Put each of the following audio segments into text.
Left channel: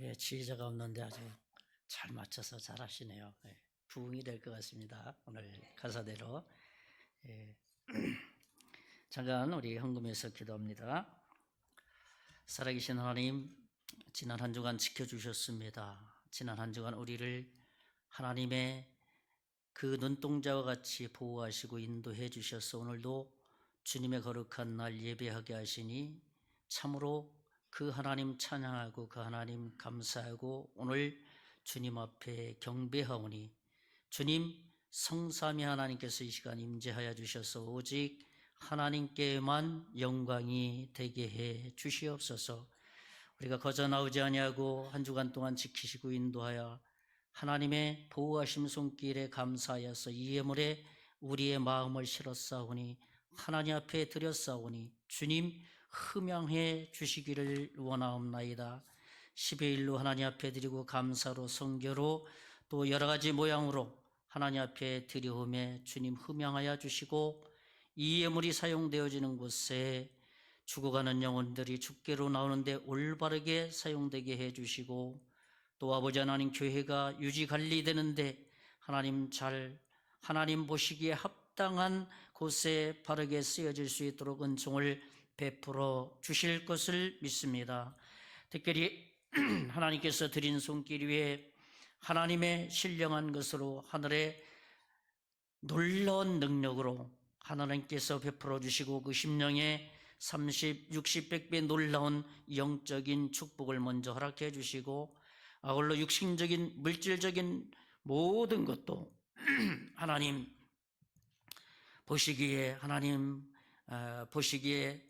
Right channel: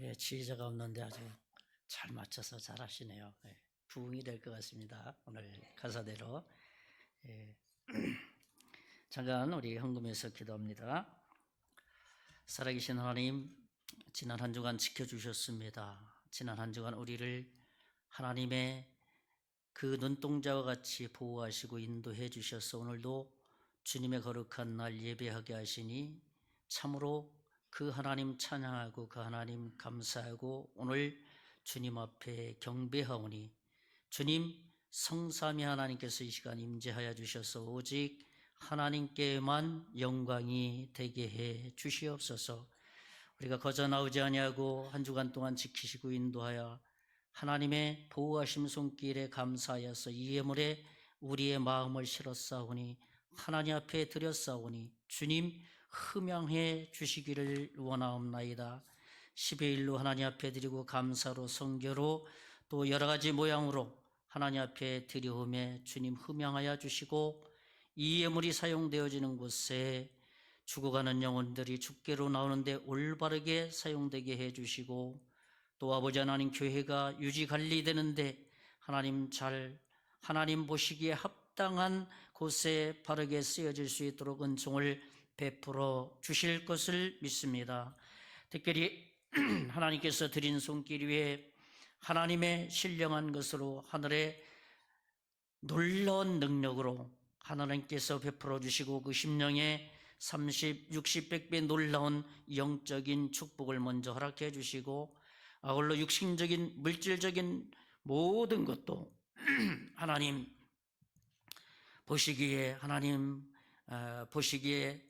예, 지휘자가 없는데 아주 잘 맞춰서 잘 하시네요. 예, 부흥이 될 것 같습니다. 오늘 가사대로. 예. 잠깐 우리 헌금해서 기도합니다. 살아계신 하나님, 지난 한 주간 지켜주셨습니다. 지난 한 주간 우리를 하나님의 그 눈동자와 같이 보호하시고 인도해 주셔서 오늘도 주님의 거룩한 날 예배하게 하시니 참으로 그 하나님 찬양하고 그 하나님 감사하고 오늘 주님 앞에 경배하오니 주님 성삼위 하나님께서 이 시간 임재하여 주셔서 오직 하나님께만 영광이 되게 해 주시옵소서. 우리가 거저 나오지 아니하고 한 주간 동안 지키시고 인도하여 하나님의 보호하심 손길에 감사하여서 이 예물에 우리의 마음을 실었사오니 하나님 앞에 드렸사오니 주님 흠양해 주시기를 원하옵나이다. 10의1로 하나님 앞에 드리고 감사로 성교로 또 여러 가지 모양으로 하나님 앞에 드려오매 주님 흠양하여 주시고 이 예물이 사용되어지는 곳에 죽어가는 영혼들이 죽게로 나오는데 올바르게 사용되게 해주시고 또 아버지 하나님 교회가 유지 관리되는데 하나님 보시기에 합당한 곳에 바르게 쓰여질 수 있도록 은총을 베풀어 주실 것을 믿습니다. 특별히 하나님께서 드린 손길 위에 하나님의 신령한 것으로 하늘의 놀라운 능력으로 하나님께서 베풀어 주시고 그 심령에 30, 60, 100배 놀라운 영적인 축복을 먼저 허락해 주시고 아울러 육신적인 물질적인 모든 것도 하나님 보시기에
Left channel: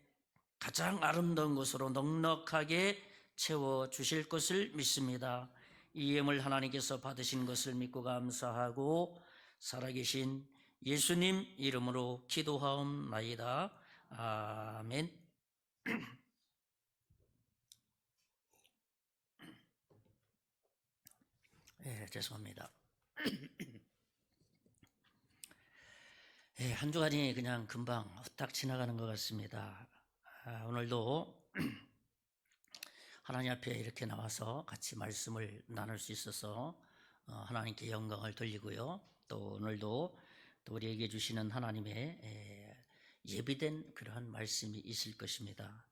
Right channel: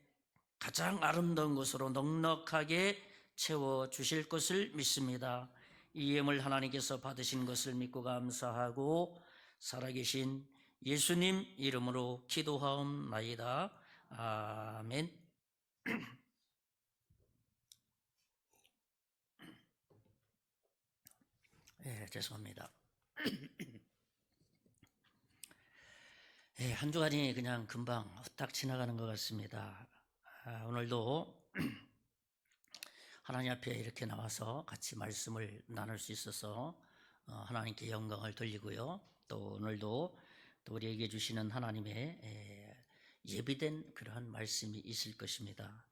가장 아름다운 것으로 넉넉하게 채워 주실 것을 믿습니다. 이 예물 하나님께서 받으신 것을 믿고 감사하고 살아계신 예수님 이름으로 기도하옵나이다. 아멘. 예, 죄송합니다. 예, 한 주간이 그냥 금방 후딱 지나가는 것 같습니다. 오늘도 하나님 앞에 이렇게 나와서 같이 말씀을 나눌 수 있어서 하나님께 영광을 돌리고요. 또 오늘도 또 우리에게 주시는 하나님의 예비된 그러한 말씀이 있을 것입니다.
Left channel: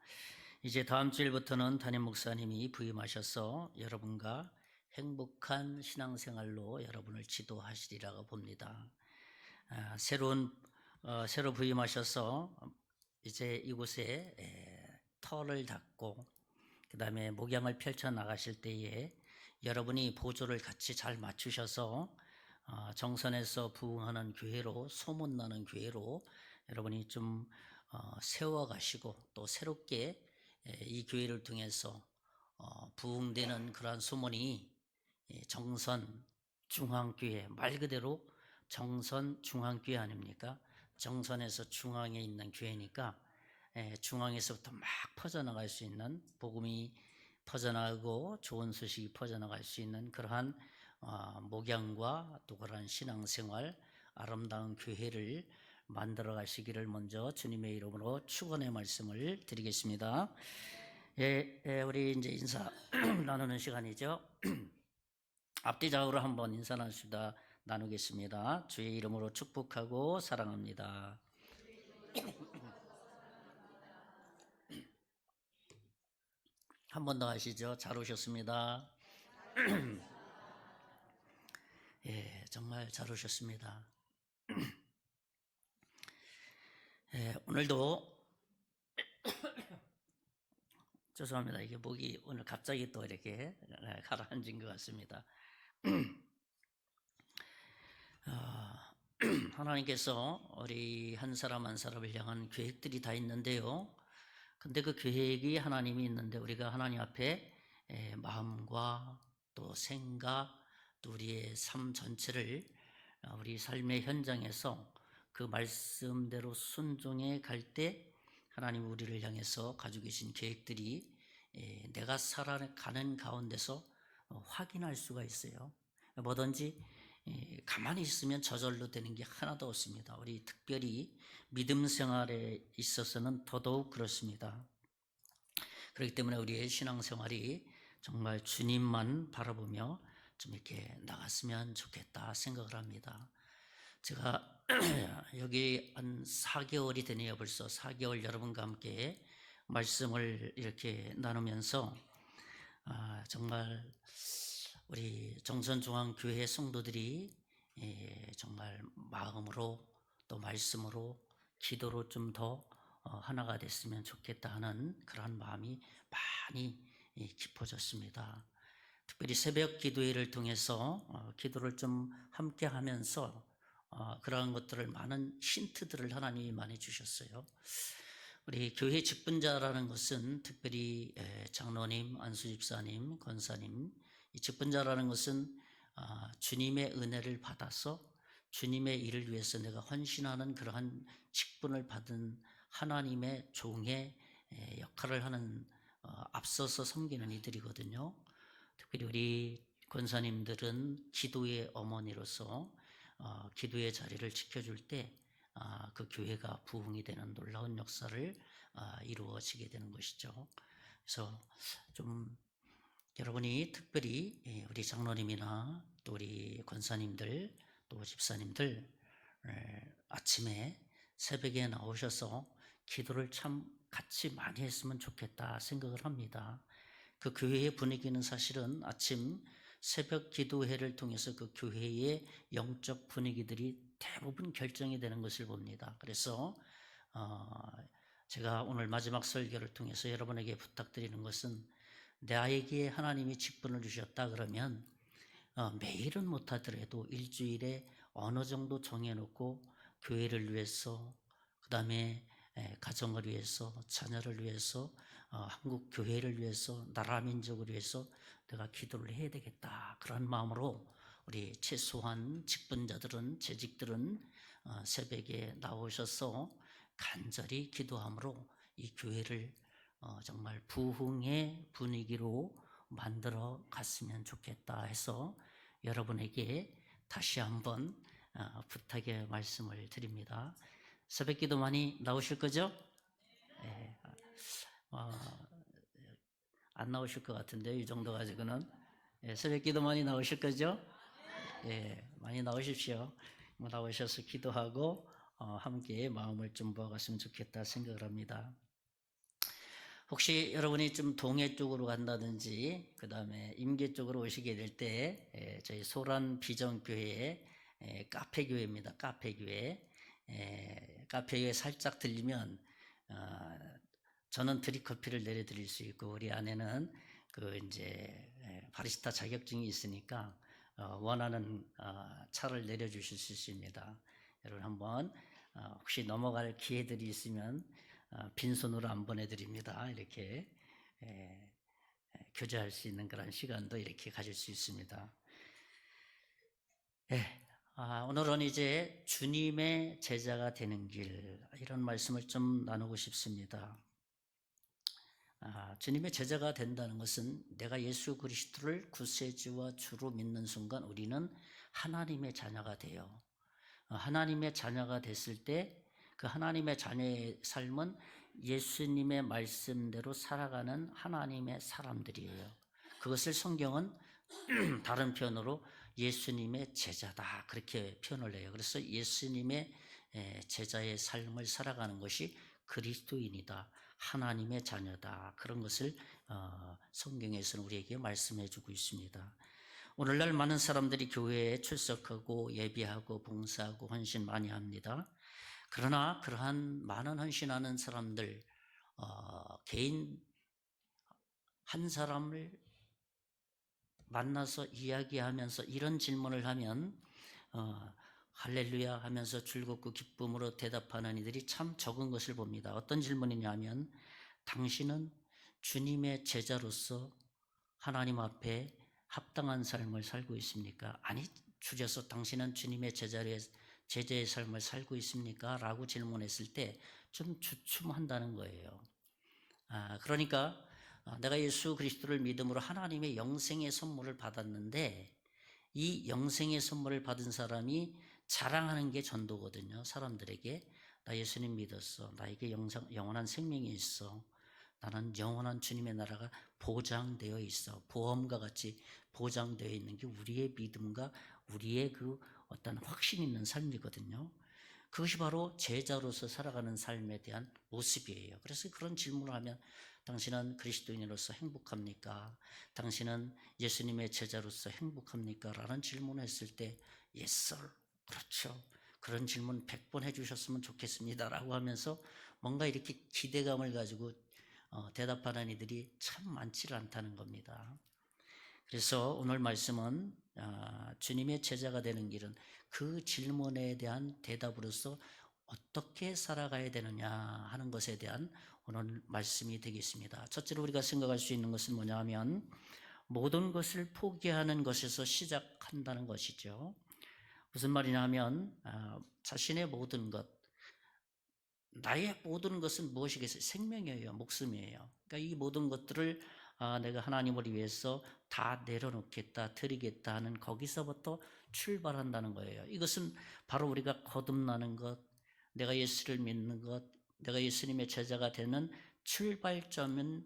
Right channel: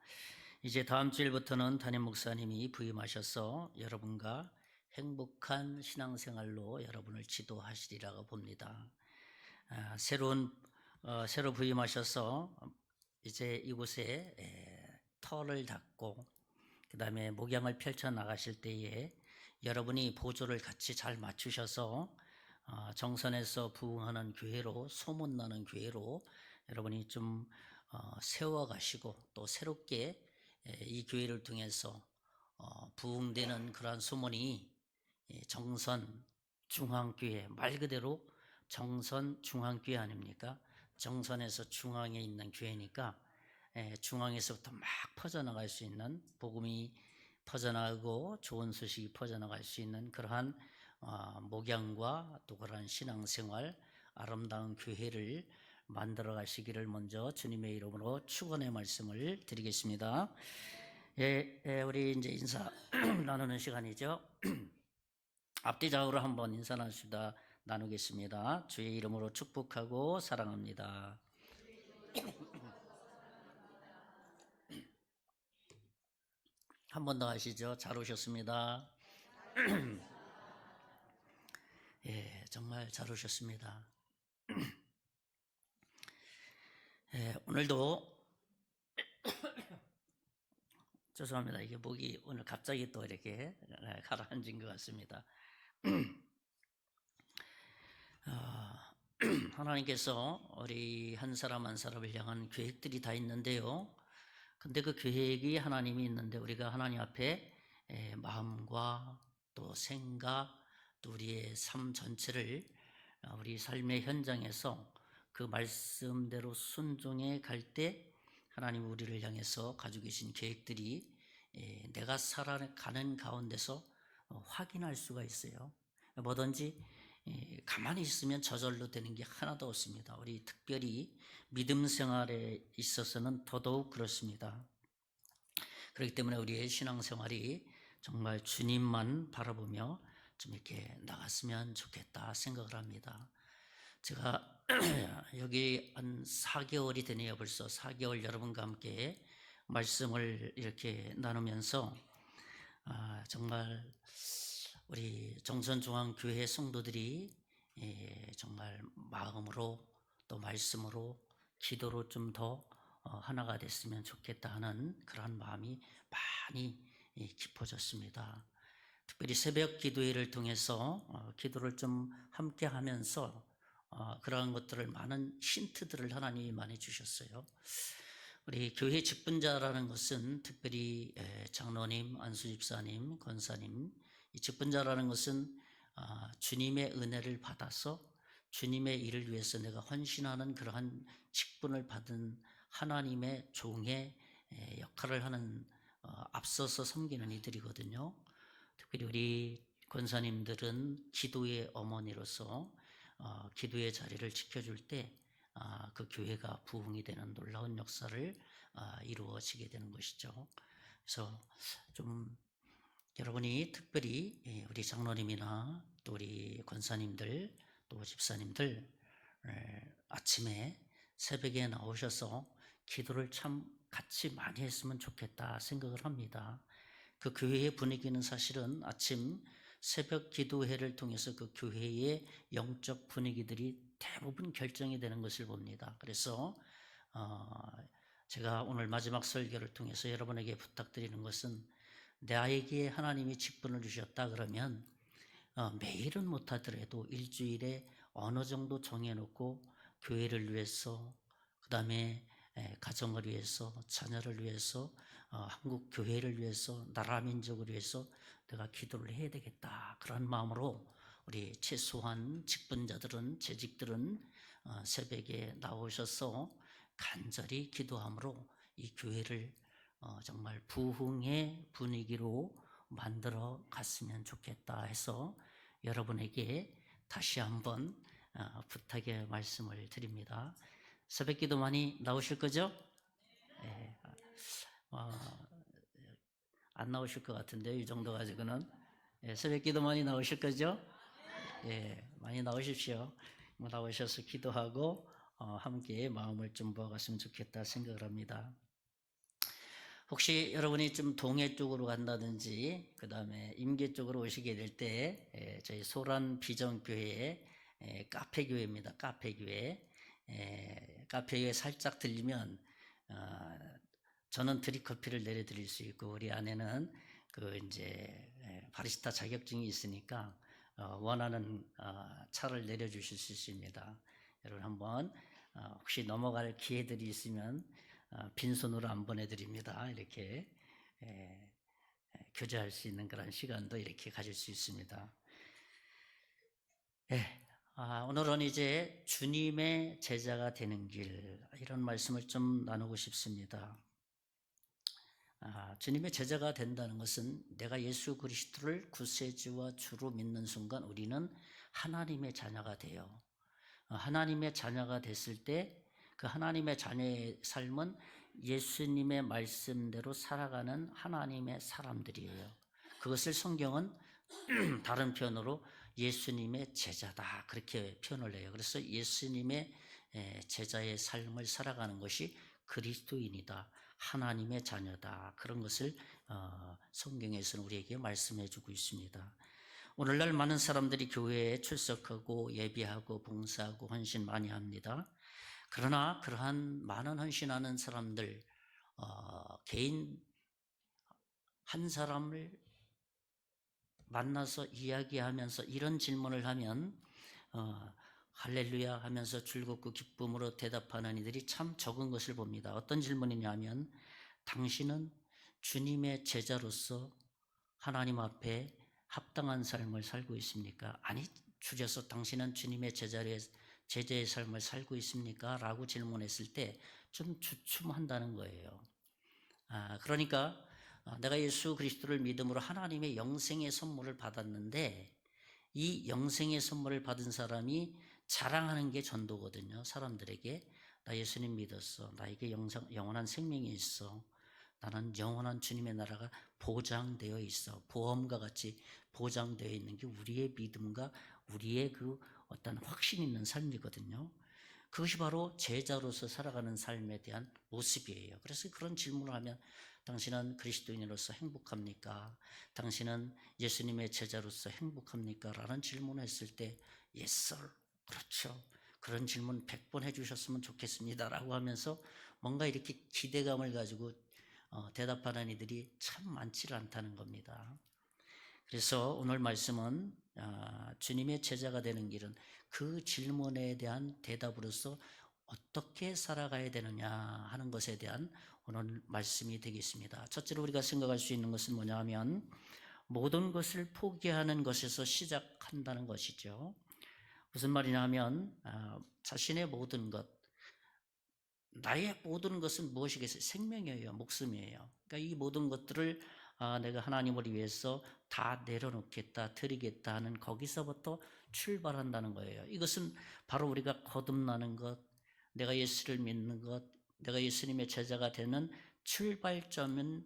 이제 다음 주일부터는 담임 목사님이 부임하셔서 여러분과 행복한 신앙생활로 여러분을 지도하시리라고 봅니다. 새로 부임하셔서 이제 이곳에 터를 닫고 그 다음에 목양을 펼쳐 나가실 때에 여러분이 보조를 같이 잘 맞추셔서 정선에서 부흥하는 교회로 소문나는 교회로 여러분이 좀 세워가시고 또 새롭게 이 교회를 통해서 부흥되는 그러한 소문이 정선 중앙교회 말 그대로 정선 중앙교회 아닙니까? 정선에서 중앙에 있는 교회니까 중앙에서부터 막 퍼져나갈 수 있는 복음이 퍼져나가고 좋은 소식이 퍼져나갈 수 있는 그러한 목양과 또 그러한 신앙생활 아름다운 교회를 만들어 가시기를 먼저 주님의 이름으로 축원의 말씀을 드리겠습니다. 우리 이제 인사 나누는 시간이죠. 앞뒤좌우로 한번 인사 나누겠습니다. 주의 이름으로 축복하고 사랑합니다. 한 번 더 하시죠. 잘 오셨습니다. 예, 정말 잘 오셨습니다. 오늘도 죄송합니다. 이게 목이 오늘 갑자기 또 이렇게 가라앉은 것 같습니다. 하나님께서 우리 한 사람 한 사람을 향한 계획들이 다 있는데요. 근데 그 계획이 하나님이 있는데 우리가 하나님 앞에 마음과 또 생각 또 우리의 삶 전체를 우리 삶의 현장에서 그 말씀대로 순종해 갈 때 하나님 우리를 향해서 가지고 계신 계획들이 내가 살아가는 가운데서 확인할 수가 있어요. 뭐든지 가만히 있으면 저절로 되는 게 하나도 없습니다. 우리 특별히 믿음 생활에 있어서는 더더욱 그렇습니다. 그렇기 때문에 우리의 신앙생활이 정말 주님만 바라보며 좀 이렇게 나갔으면 좋겠다 생각을 합니다. 제가 여기 한 4개월이 되네요. 벌써 4개월 여러분과 함께 말씀을 이렇게 나누면서 정말 우리 정선중앙교회 성도들이 정말 마음으로 또 말씀으로 기도로 좀 더 하나가 됐으면 좋겠다 하는 그러한 마음이 많이 깊어졌습니다. 특별히 새벽 기도회를 통해서 기도를 좀 함께 하면서 그러한 것들을 많은 힌트들을 하나님이 많이 주셨어요. 우리 교회 직분자라는 것은 특별히 장로님, 안수집사님, 권사님, 이 직분자라는 것은 주님의 은혜를 받아서 주님의 일을 위해서 내가 헌신하는 그러한 직분을 받은 하나님의 종의 역할을 하는 앞서서 섬기는 이들이거든요. 특별히 우리 권사님들은 기도의 어머니로서 기도의 자리를 지켜줄 때 그 교회가 부흥이 되는 놀라운 역사를 이루어지게 되는 것이죠. 그래서 좀 여러분이 특별히 우리 장로님이나 또 우리 권사님들 또 집사님들 아침에 새벽에 나오셔서 기도를 참 같이 많이 했으면 좋겠다 생각을 합니다. 그 교회의 분위기는 사실은 아침 새벽 기도회를 통해서 그 교회의 영적 분위기들이 대부분 결정이 되는 것을 봅니다. 그래서 제가 오늘 마지막 설교를 통해서 여러분에게 부탁드리는 것은 나에게 하나님이 직분을 주셨다 그러면 매일은 못하더라도 일주일에 어느 정도 정해놓고 교회를 위해서 그 다음에 가정을 위해서 자녀를 위해서 한국 교회를 위해서 나라 민족을 위해서 내가 기도를 해야 되겠다 그런 마음으로 우리 최소한 직분자들은 재직들은 새벽에 나오셔서 간절히 기도함으로 이 교회를 정말 부흥의 분위기로 만들어 갔으면 좋겠다 해서 여러분에게 다시 한번 부탁의 말씀을 드립니다. 새벽 기도 많이 나오실 거죠? 안 나오실 것 같은데 이 정도 가지고는 새벽 기도 많이 나오실 거죠? 많이 나오십시오. 나오셔서 기도하고 함께 마음을 좀 모아갔으면 좋겠다 생각을 합니다. 혹시 여러분이 좀 동해 쪽으로 간다든지 그 다음에 임계 쪽으로 오시게 될 때 저희 소란 비전교회 카페교회입니다. 카페교회 카페에 살짝 들리면 저는 드립커피를 내려드릴 수 있고 우리 아내는 그 이제 바리스타 자격증이 있으니까 원하는 차를 내려주실 수 있습니다. 여러분 한번 혹시 넘어갈 기회들이 있으면 빈손으로 안 보내드립니다. 이렇게 교제할 수 있는 그런 시간도 이렇게 가질 수 있습니다. 오늘은 이제 주님의 제자가 되는 길 이런 말씀을 좀 나누고 싶습니다. 주님의 제자가 된다는 것은 내가 예수 그리스도를 구세주와 주로 믿는 순간 우리는 하나님의 자녀가 돼요. 하나님의 자녀가 됐을 때 그 하나님의 자녀의 삶은 예수님의 말씀대로 살아가는 하나님의 사람들이에요. 그것을 성경은 다른 표현으로 예수님의 제자다 그렇게 표현을 해요. 그래서 예수님의 제자의 삶을 살아가는 것이 그리스도인이다. 하나님의 자녀다. 그런 것을 성경에서는 우리에게 말씀해 주고 있습니다. 오늘날 많은 사람들이 교회에 출석하고 예배하고 봉사하고 헌신 많이 합니다. 그러나 그러한 많은 헌신하는 사람들 개인 한 사람을 만나서 이야기하면서 이런 질문을 하면 할렐루야 하면서 즐겁고 기쁨으로 대답하는 이들이 참 적은 것을 봅니다. 어떤 질문이냐면 당신은 주님의 제자로서 하나님 앞에 합당한 삶을 살고 있습니까? 아니 줄여서 당신은 주님의 제자의 삶을 살고 있습니까? 라고 질문했을 때 좀 주춤한다는 거예요. 그러니까 내가 예수 그리스도를 믿음으로 하나님의 영생의 선물을 받았는데 이 영생의 선물을 받은 사람이 자랑하는 게 전도거든요. 사람들에게 나 예수님 믿었어. 나에게 영원한 생명이 있어. 나는 영원한 주님의 나라가 보장되어 있어. 보험과 같이 보장되어 있는 게 우리의 믿음과 우리의 그 어떤 확신 있는 삶이거든요. 그것이 바로 제자로서 살아가는 삶에 대한 모습이에요. 그래서 그런 질문을 하면 당신은 그리스도인으로서 행복합니까? 당신은 예수님의 제자로서 행복합니까? 라는 질문을 했을 때 Yes, sir. 그렇죠. 그런 질문 100번 해주셨으면 좋겠습니다. 라고 하면서 뭔가 이렇게 기대감을 가지고 대답하는 이들이 참 많지 않다는 겁니다. 그래서 오늘 말씀은 주님의 제자가 되는 길은 그 질문에 대한 대답으로서 어떻게 살아가야 되느냐 하는 것에 대한 오늘 말씀이 되겠습니다. 첫째로 우리가 생각할 수 있는 것은 뭐냐 하면 모든 것을 포기하는 것에서 시작한다는 것이죠. 무슨 말이냐 하면 자신의 모든 것, 나의 모든 것은 무엇이겠어요? 생명이에요. 목숨이에요. 그러니까 이 모든 것들을 내가 하나님을 위해서 다 내려놓겠다, 드리겠다 하는 거기서부터 출발한다는 거예요. 이것은 바로 우리가 거듭나는 것, 내가 예수를 믿는 것, 내가 예수님의 제자가 되는 출발점이자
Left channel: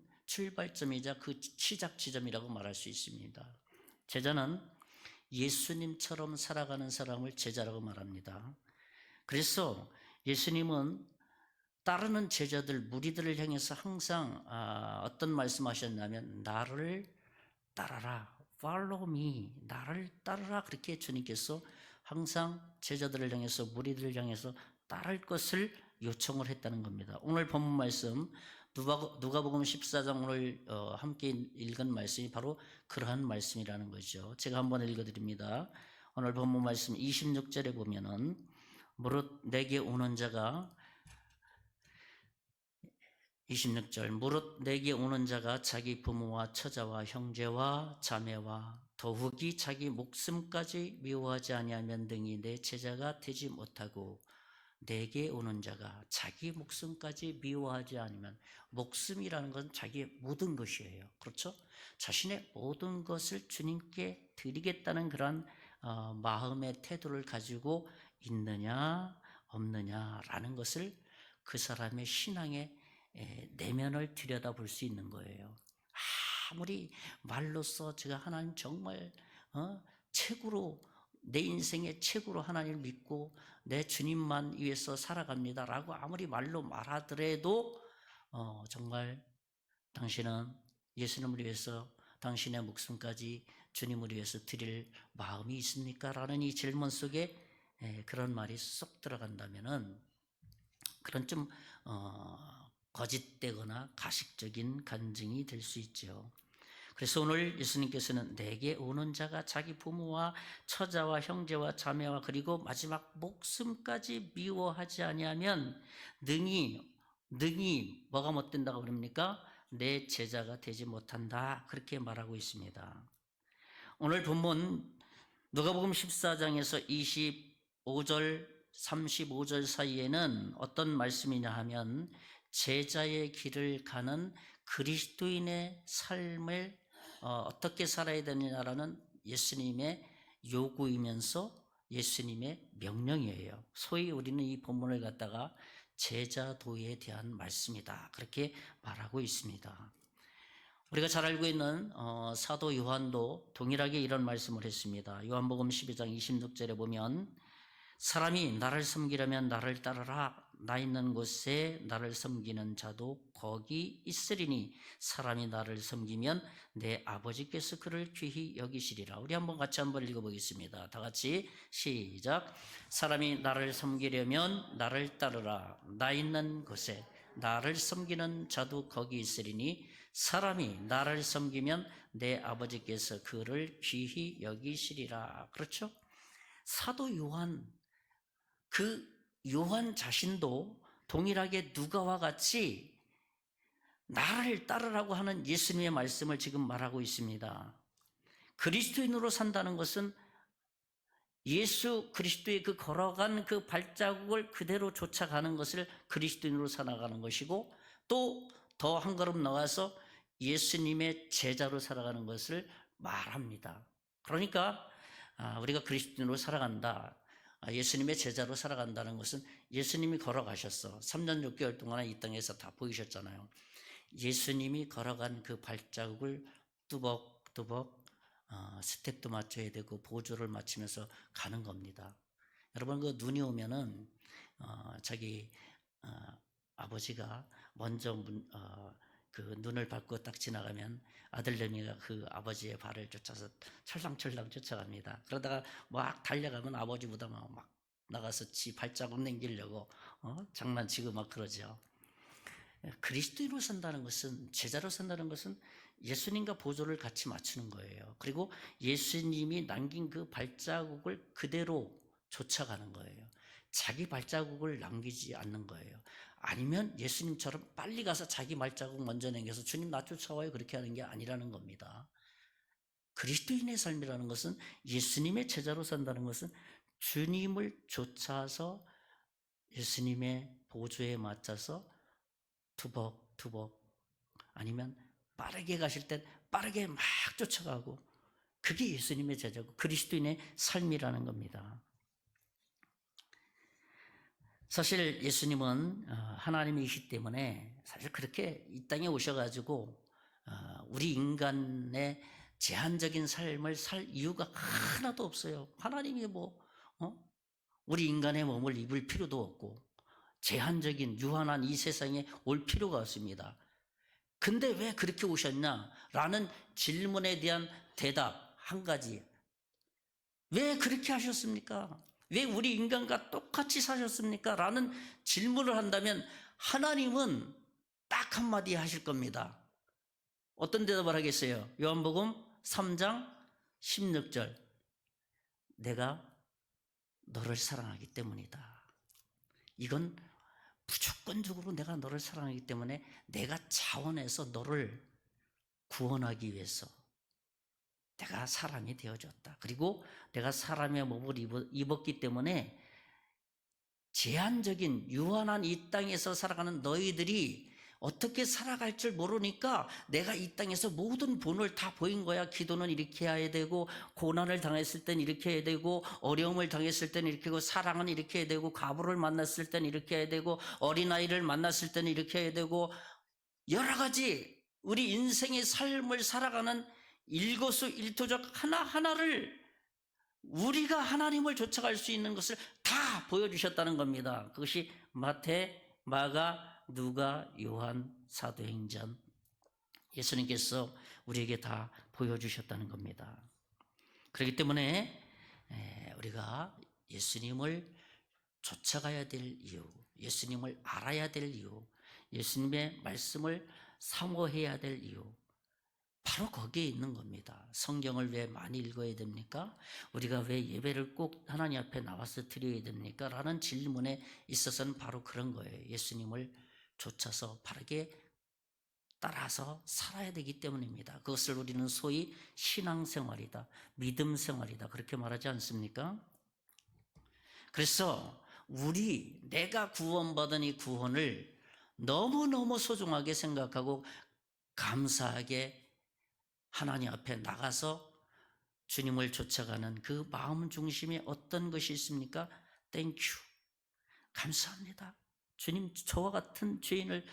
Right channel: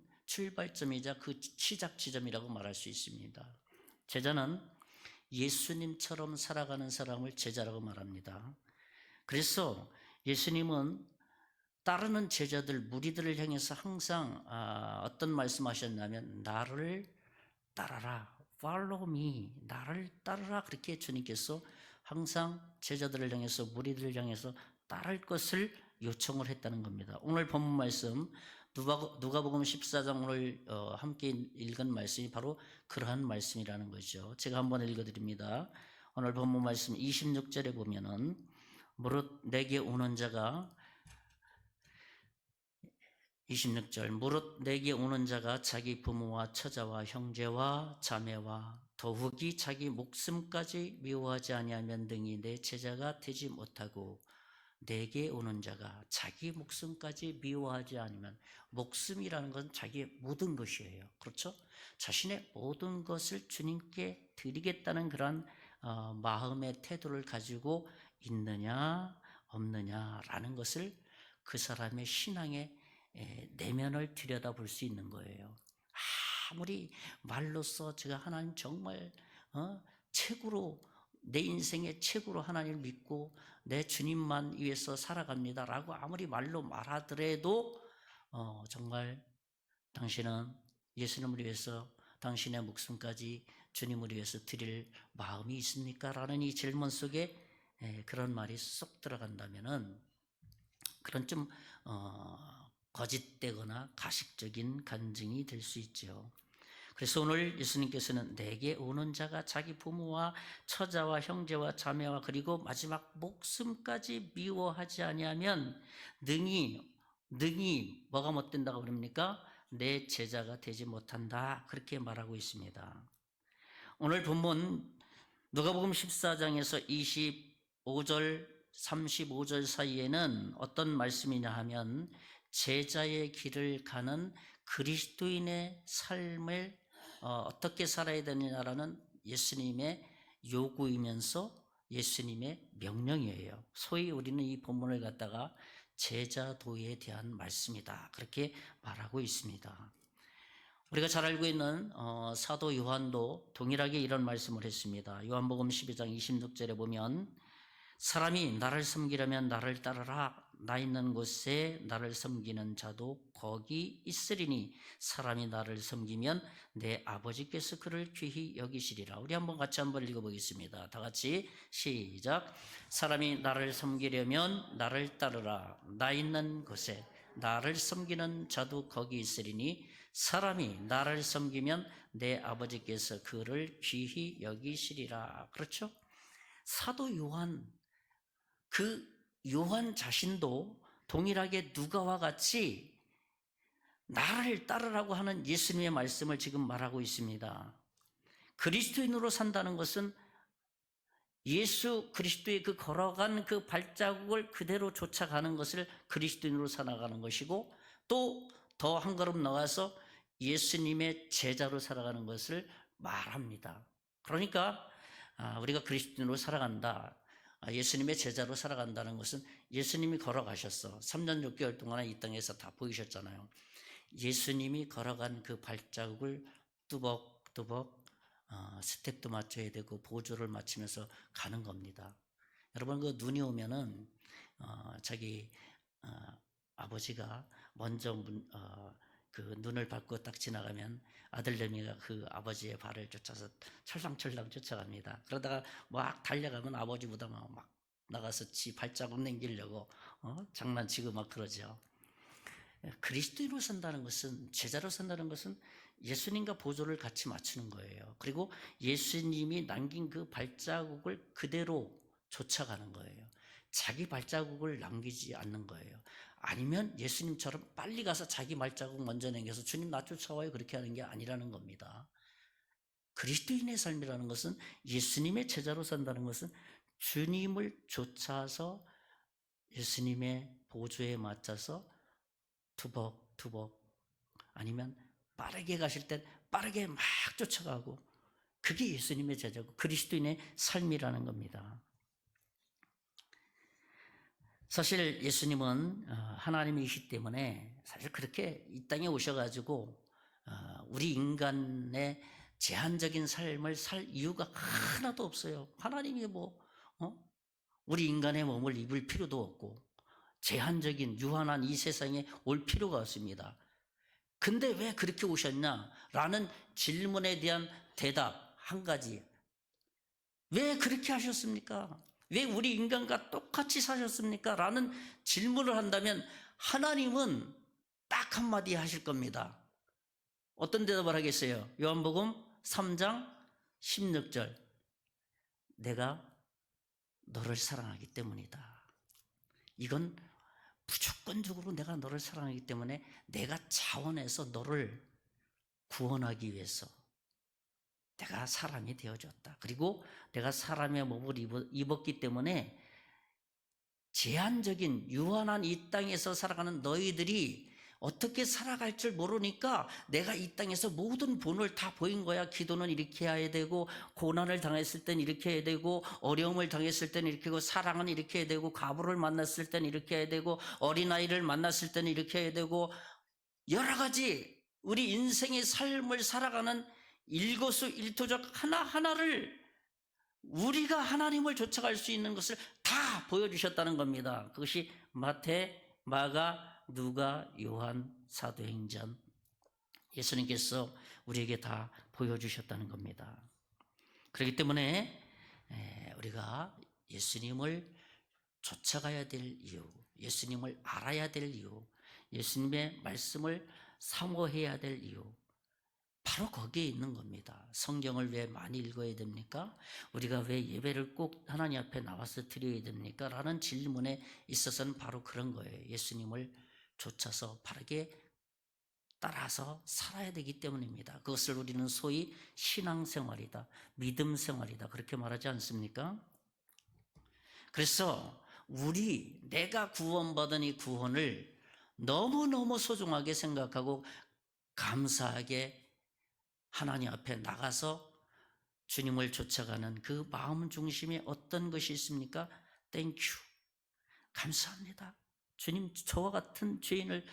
그 시작 지점이라고 말할 수 있습니다. 제자는 예수님처럼 살아가는 사람을 제자라고 말합니다. 그래서 예수님은 따르는 제자들, 무리들을 향해서 항상 어떤 말씀하셨냐면 나를 따라라, follow me, 나를 따르라 그렇게 주님께서 항상 제자들을 향해서 무리들을 향해서 따를 것을 요청을 했다는 겁니다. 오늘 본문 말씀 누가복음 14장 오늘 함께 읽은 말씀이 바로 그러한 말씀이라는 거죠. 제가 한번 읽어드립니다. 오늘 본문 말씀 26절에 보면은 무릇 내게 오는 자가 26절 무릇 내게 오는 자가 자기 부모와 처자와 형제와 자매와 더욱이 자기 목숨까지 미워하지 아니하면 등이 내 제자가 되지 못하고 내게 오는 자가 자기 목숨까지 미워하지 않으면 목숨이라는 건 자기의 모든 것이에요. 그렇죠? 자신의 모든 것을 주님께 드리겠다는 그런 마음의 태도를 가지고 있느냐 없느냐라는 것을 그 사람의 신앙의 내면을 들여다볼 수 있는 거예요. 아무리 말로써 제가 하나님 정말 최고로 내 인생의 최고로 하나님을 믿고 내 주님만 위해서 살아갑니다라고 아무리 말로 말하더라도 정말 당신은 예수님을 위해서 당신의 목숨까지 주님을 위해서 드릴 마음이 있습니까? 라는 이 질문 속에 그런 말이 쏙 들어간다면은 그런 좀 거짓되거나 가식적인 간증이 될 수 있죠. 그래서 오늘 예수님께서는 내게 오는 자가 자기 부모와 처자와 형제와 자매와 그리고 마지막 목숨까지 미워하지 아니하면 능히 뭐가 못 된다고 그럽니까? 내 제자가 되지 못한다. 그렇게 말하고 있습니다. 오늘 본문 누가복음 14장에서 25절 35절 사이에는 어떤 말씀이냐 하면 제자의 길을 가는 그리스도인의 삶을 어떻게 살아야 되느냐라는 예수님의 요구이면서 예수님의 명령이에요. 소위 우리는 이 본문을 갖다가 제자도에 대한 말씀이다. 그렇게 말하고 있습니다. 우리가 잘 알고 있는 사도 요한도 동일하게 이런 말씀을 했습니다. 요한복음 12장 26절에 보면 사람이 나를 섬기려면 나를 따르라. 나 있는 곳에 나를 섬기는 자도 거기 있으리니 사람이 나를 섬기면 내 아버지께서 그를 귀히 여기시리라. 우리 같이 한번 읽어보겠습니다. 다 같이 시작. 사람이 나를 섬기려면 나를 따르라. 나 있는 곳에 나를 섬기는 자도 거기 있으리니 사람이 나를 섬기면 내 아버지께서 그를 귀히 여기시리라. 그렇죠? 사도 요한, 그 요한 자신도 동일하게 누가와 같이 나를 따르라고 하는 예수님의 말씀을 지금 말하고 있습니다. 그리스도인으로 산다는 것은 예수 그리스도의 그 걸어간 그 발자국을 그대로 쫓아가는 것을 그리스도인으로 살아가는 것이고 또 더 한 걸음 나가서 예수님의 제자로 살아가는 것을 말합니다. 그러니까 우리가 그리스도인으로 살아간다. 예수님의 제자로 살아간다는 것은 예수님이 걸어가셨어. 3년 6개월 동안 이 땅에서 다 보이셨잖아요. 예수님이 걸어간 그 발자국을 뚜벅뚜벅 스텝도 맞춰야 되고 보조를 맞추면서 가는 겁니다. 여러분, 그 눈이 오면은 자기 아버지가 먼저 그 눈을 밟고 딱 지나가면 아들내미가 그 아버지의 발을 쫓아서 철랑철랑 쫓아갑니다. 그러다가 막 달려가면 아버지보다 막 나가서 지 발자국 남기려고 장난치고 막 그러죠. 그리스도인으로 산다는 것은, 제자로 산다는 것은 예수님과 보조를 같이 맞추는 거예요. 그리고 예수님이 남긴 그 발자국을 그대로 쫓아가는 거예요. 자기 발자국을 남기지 않는 거예요. 아니면 예수님처럼 빨리 가서 자기 발자국 먼저 남겨서 주님 나 쫓아와요 그렇게 하는 게 아니라는 겁니다. 그리스도인의 삶이라는 것은, 예수님의 제자로 산다는 것은 주님을 쫓아서 예수님의 보조에 맞춰서 투벅투벅, 아니면 빠르게 가실 땐 빠르게 막 쫓아가고, 그게 예수님의 제자고 그리스도인의 삶이라는 겁니다. 사실 예수님은 하나님이시기 때문에 사실 그렇게 이 땅에 오셔가지고 우리 인간의 제한적인 삶을 살 이유가 하나도 없어요. 하나님이 우리 인간의 몸을 입을 필요도 없고 제한적인 유한한 이 세상에 올 필요가 없습니다. 근데 왜 그렇게 오셨냐? 라는 질문에 대한 대답 한 가지. 왜 그렇게 하셨습니까? 왜 우리 인간과 똑같이 사셨습니까? 라는 질문을 한다면 하나님은 딱 한마디 하실 겁니다. 어떤 대답을 하겠어요? 요한복음 3장 16절. 내가 너를 사랑하기 때문이다. 이건 무조건적으로 내가 너를 사랑하기 때문에 내가 차원에서 너를 구원하기 위해서 내가 사람이 되어줬다. 그리고 내가 사람의 몸을 입었기 때문에 제한적인 유한한 이 땅에서 살아가는 너희들이 어떻게 살아갈 줄 모르니까 내가 이 땅에서 모든 본을 다 보인 거야. 기도는 이렇게 해야 되고, 고난을 당했을 땐 이렇게 해야 되고, 어려움을 당했을 땐 이렇게 하고, 사랑은 이렇게 해야 되고, 과부를 만났을 땐 이렇게 해야 되고, 어린아이를 만났을 땐 이렇게 해야 되고, 여러 가지 우리 인생의 삶을 살아가는 일거수일투족 하나하나를 우리가 하나님을 쫓아갈 수 있는 것을 다 보여주셨다는 겁니다. 그것이 마태, 마가, 누가, 요한, 사도행전, 예수님께서 우리에게 다 보여주셨다는 겁니다. 그렇기 때문에 우리가 예수님을 쫓아가야 될 이유, 예수님을 알아야 될 이유, 예수님의 말씀을 사모해야 될 이유, 바로 거기에 있는 겁니다. 성경을 왜 많이 읽어야 됩니까? 우리가 왜 예배를 꼭 하나님 앞에 나와서 드려야 됩니까? 라는 질문에 있어서는 바로 그런 거예요. 예수님을 쫓아서 바르게 따라서 살아야 되기 때문입니다. 그것을 우리는 소위 신앙생활이다, 믿음생활이다 그렇게 말하지 않습니까? 그래서 내가 구원받은 이 구원을 너무너무 소중하게 생각하고 감사하게 하나님 앞에 나가서 주님을 쫓아가는 그 마음 중심에 어떤 것이 있습니까? 땡큐, 감사합니다. 주님, 저와 같은 죄인을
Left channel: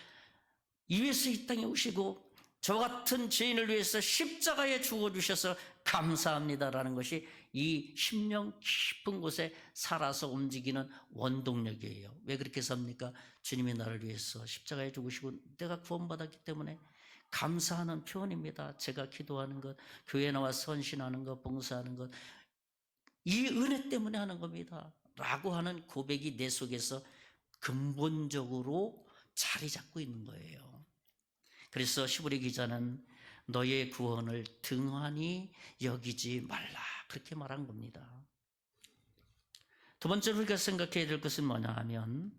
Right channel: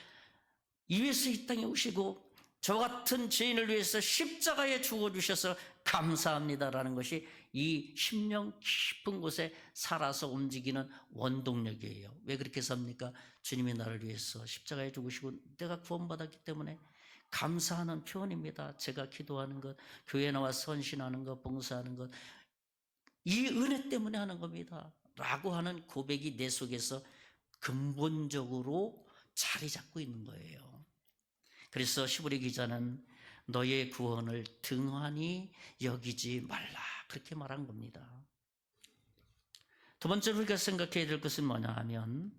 위해서 이 땅에 오시고 저와 같은 죄인을 위해서 십자가에 죽어주셔서 감사합니다라는 것이 이 심령 깊은 곳에 살아서 움직이는 원동력이에요. 왜 그렇게 삽니까? 주님이 나를 위해서 십자가에 죽으시고 내가 구원받았기 때문에 감사하는 표현입니다. 제가 기도하는 것, 교회 나와 선신하는 것, 봉사하는 것, 이 은혜 때문에 하는 겁니다. 라고 하는 고백이 내 속에서 근본적으로 자리 잡고 있는 거예요. 그래서 시브리 기자는 너의 구원을 등한히 여기지 말라 그렇게 말한 겁니다. 두 번째로 우리가 생각해야 될 것은 뭐냐 하면,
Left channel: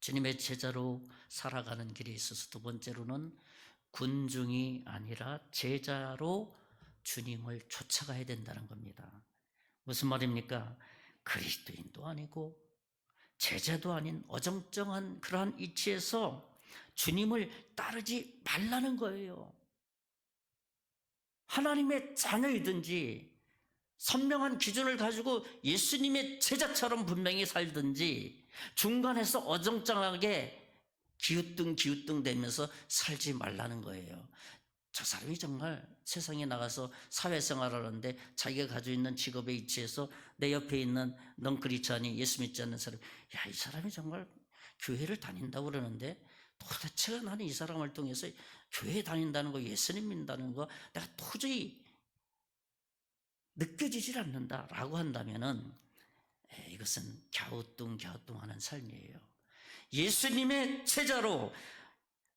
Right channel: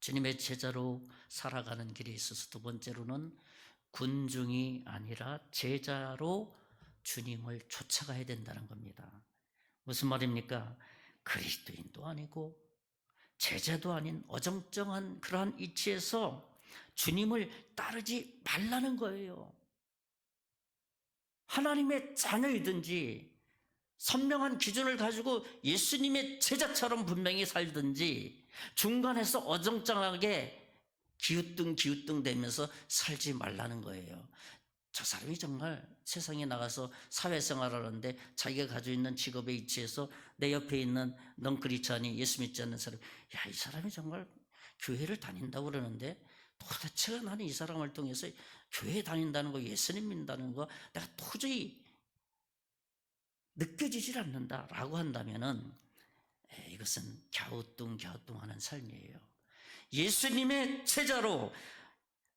주님의 제자로 살아가는 길에 있어서 두 번째로는 군중이 아니라 제자로 주님을 쫓아가야 된다는 겁니다. 무슨 말입니까? 그리스도인도 아니고 제자도 아닌 어정쩡한 그러한 위치에서 주님을 따르지 말라는 거예요. 하나님의 자녀이든지 선명한 기준을 가지고 예수님의 제자처럼 분명히 살든지 중간에서 어정쩡하게 기우뚱 되면서 살지 말라는 거예요. 저 사람이 정말 세상에 나가서 사회생활을 하는데 자기가 가지고 있는 직업에 위치해서 내 옆에 있는 넌 크리스찬이 예수 믿지 않는 사람, 야, 이 사람이 정말 교회를 다닌다고 그러는데 도대체 나는 이 사람을 통해서 교회 다닌다는 거, 예수님 믿는다는 거 내가 도저히 느껴지질 않는다라고 한다면은 이것은 갸우뚱하는 삶이에요. 예수님의 제자로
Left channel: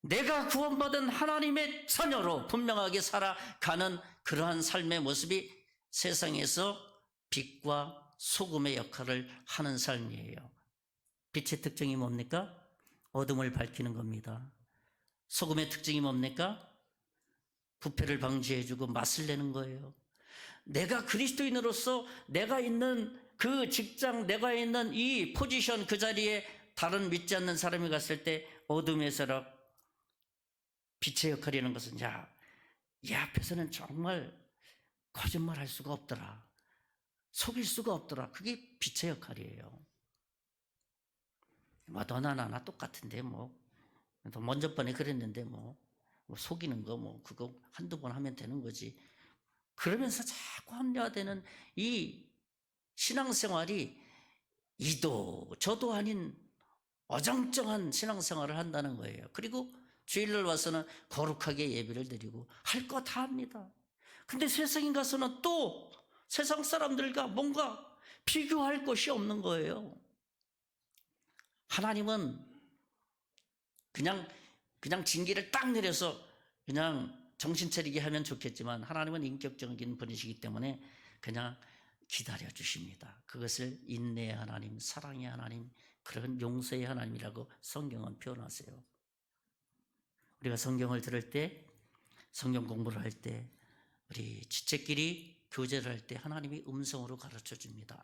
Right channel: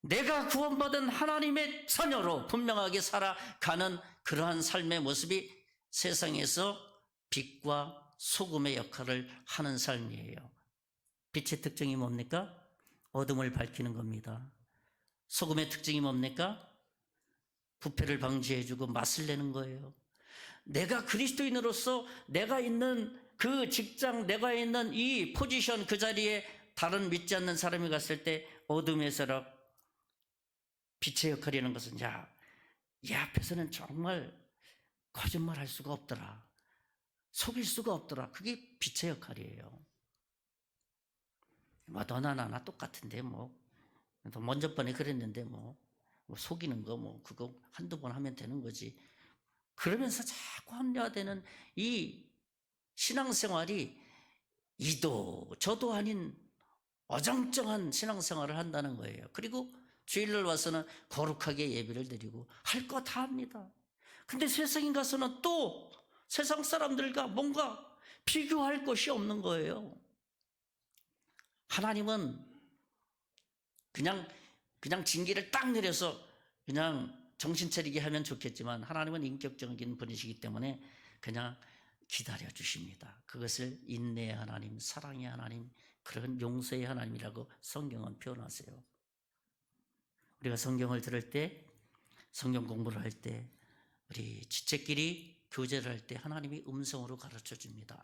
내가 구원받은 하나님의 자녀로 분명하게 살아가는 그러한 삶의 모습이 세상에서 빛과 소금의 역할을 하는 삶이에요. 빛의 특징이 뭡니까? 어둠을 밝히는 겁니다. 소금의 특징이 뭡니까? 부패를 방지해주고 맛을 내는 거예요. 내가 그리스도인으로서 내가 있는 그 직장, 내가 있는 이 포지션, 그 자리에 다른 믿지 않는 사람이 갔을 때 어둠에서라 빛의 역할이라는 것은 이 앞에서는 정말 거짓말할 수가 없더라, 속일 수가 없더라. 그게 빛의 역할이에요. 너나 나나 똑같은데 먼저 번에 그랬는데 속이는 거 그거 한두 번 하면 되는 거지. 그러면서 자꾸 합리화되는 이 신앙생활이 이도 저도 아닌 어정쩡한 신앙생활을 한다는 거예요. 그리고 주일날 와서는 거룩하게 예배를 드리고 할 거 다 합니다. 근데 세상에 가서는 또 세상 사람들과 뭔가 비교할 것이 없는 거예요. 하나님은 그냥 징계를 딱 내려서 그냥 정신 차리게 하면 좋겠지만 하나님은 인격적인 분이시기 때문에 그냥 기다려 주십니다. 그것을 인내의 하나님, 사랑의 하나님, 그런 용서의 하나님이라고 성경은 표현하세요. 우리가 성경을 들을 때, 성경 공부를 할 때, 우리 지체끼리 교제를 할 때 하나님이 음성으로 가르쳐 줍니다.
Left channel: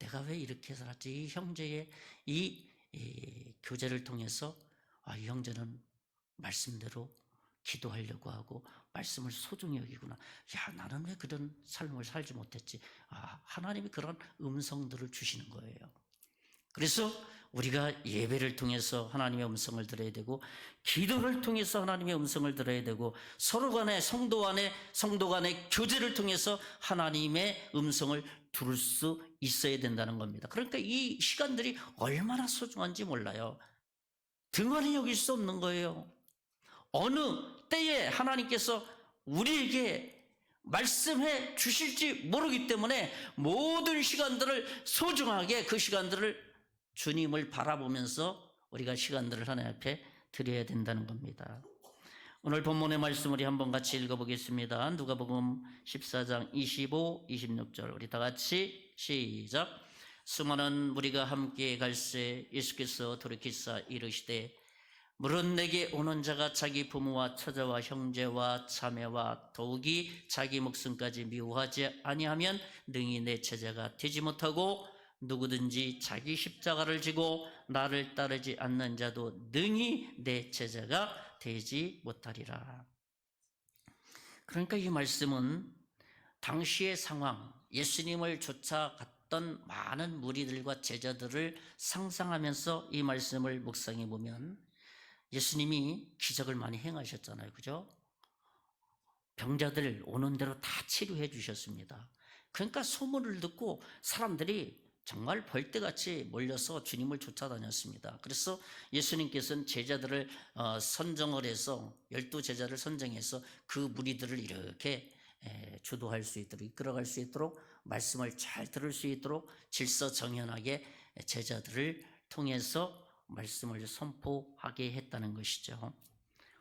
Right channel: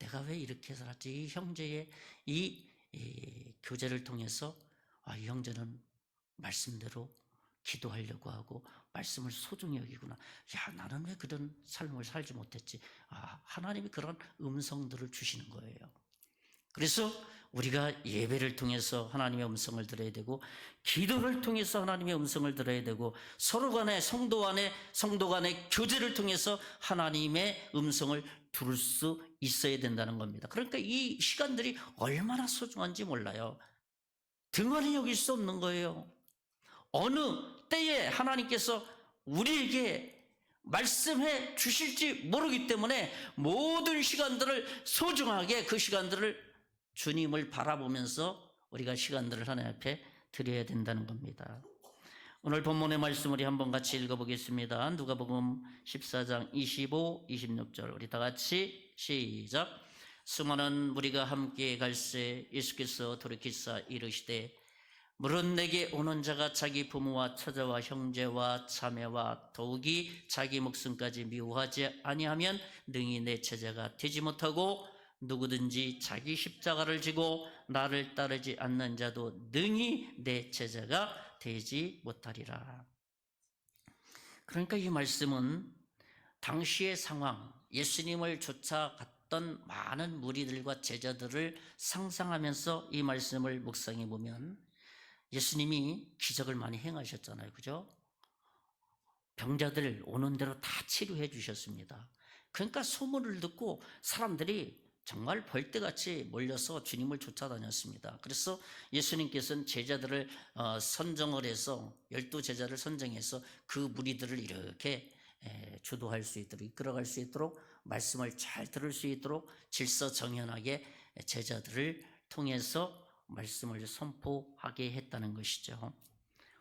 내가 왜 이렇게 살았지? 이 형제의 이 교제를 통해서 이 형제는 말씀대로 기도하려고 하고 말씀을 소중히 여기구나. 나는 왜 그런 삶을 살지 못했지? 하나님이 그런 음성들을 주시는 거예요. 그래서 우리가 예배를 통해서 하나님의 음성을 들어야 되고, 기도를 통해서 하나님의 음성을 들어야 되고, 서로 간의 성도 간의 교제를 통해서 하나님의 음성을 들을 수 있어야 된다는 겁니다. 그러니까 이 시간들이 얼마나 소중한지 몰라요. 등한히 여길 수 없는 거예요. 어느 때에 하나님께서 우리에게 말씀해 주실지 모르기 때문에 모든 시간들을 소중하게, 그 시간들을 주님을 바라보면서 우리가 시간들을 하나님 앞에 드려야 된다는 겁니다. 오늘 본문의 말씀 우리 한번 같이 읽어보겠습니다. 누가복음 14장 25, 26절 우리 다 같이 시작. 수많은 무리가 함께 갈새 예수께서 돌이키사 이르시되 물은 내게 오는 자가 자기 부모와 처자와 형제와 자매와 더욱이 자기 목숨까지 미워하지 아니하면 능히 내 제자가 되지 못하고, 누구든지 자기 십자가를 지고 나를 따르지 않는 자도 능히 내 제자가 되지 못하리라. 그러니까 이 말씀은 당시의 상황, 예수님을 쫓아갔던 많은 무리들과 제자들을 상상하면서 이 말씀을 묵상해 보면 예수님이 기적을 많이 행하셨잖아요. 그죠? 병자들 오는 대로 다 치료해 주셨습니다. 그러니까 소문을 듣고 사람들이 정말 벌떼같이 몰려서 주님을 쫓아다녔습니다. 그래서 예수님께서는 제자들을 선정을 해서 12제자를 선정해서 그 무리들을 이렇게 주도할 수 있도록, 이끌어갈 수 있도록, 말씀을 잘 들을 수 있도록 질서정연하게 제자들을 통해서 말씀을 선포하게 했다는 것이죠.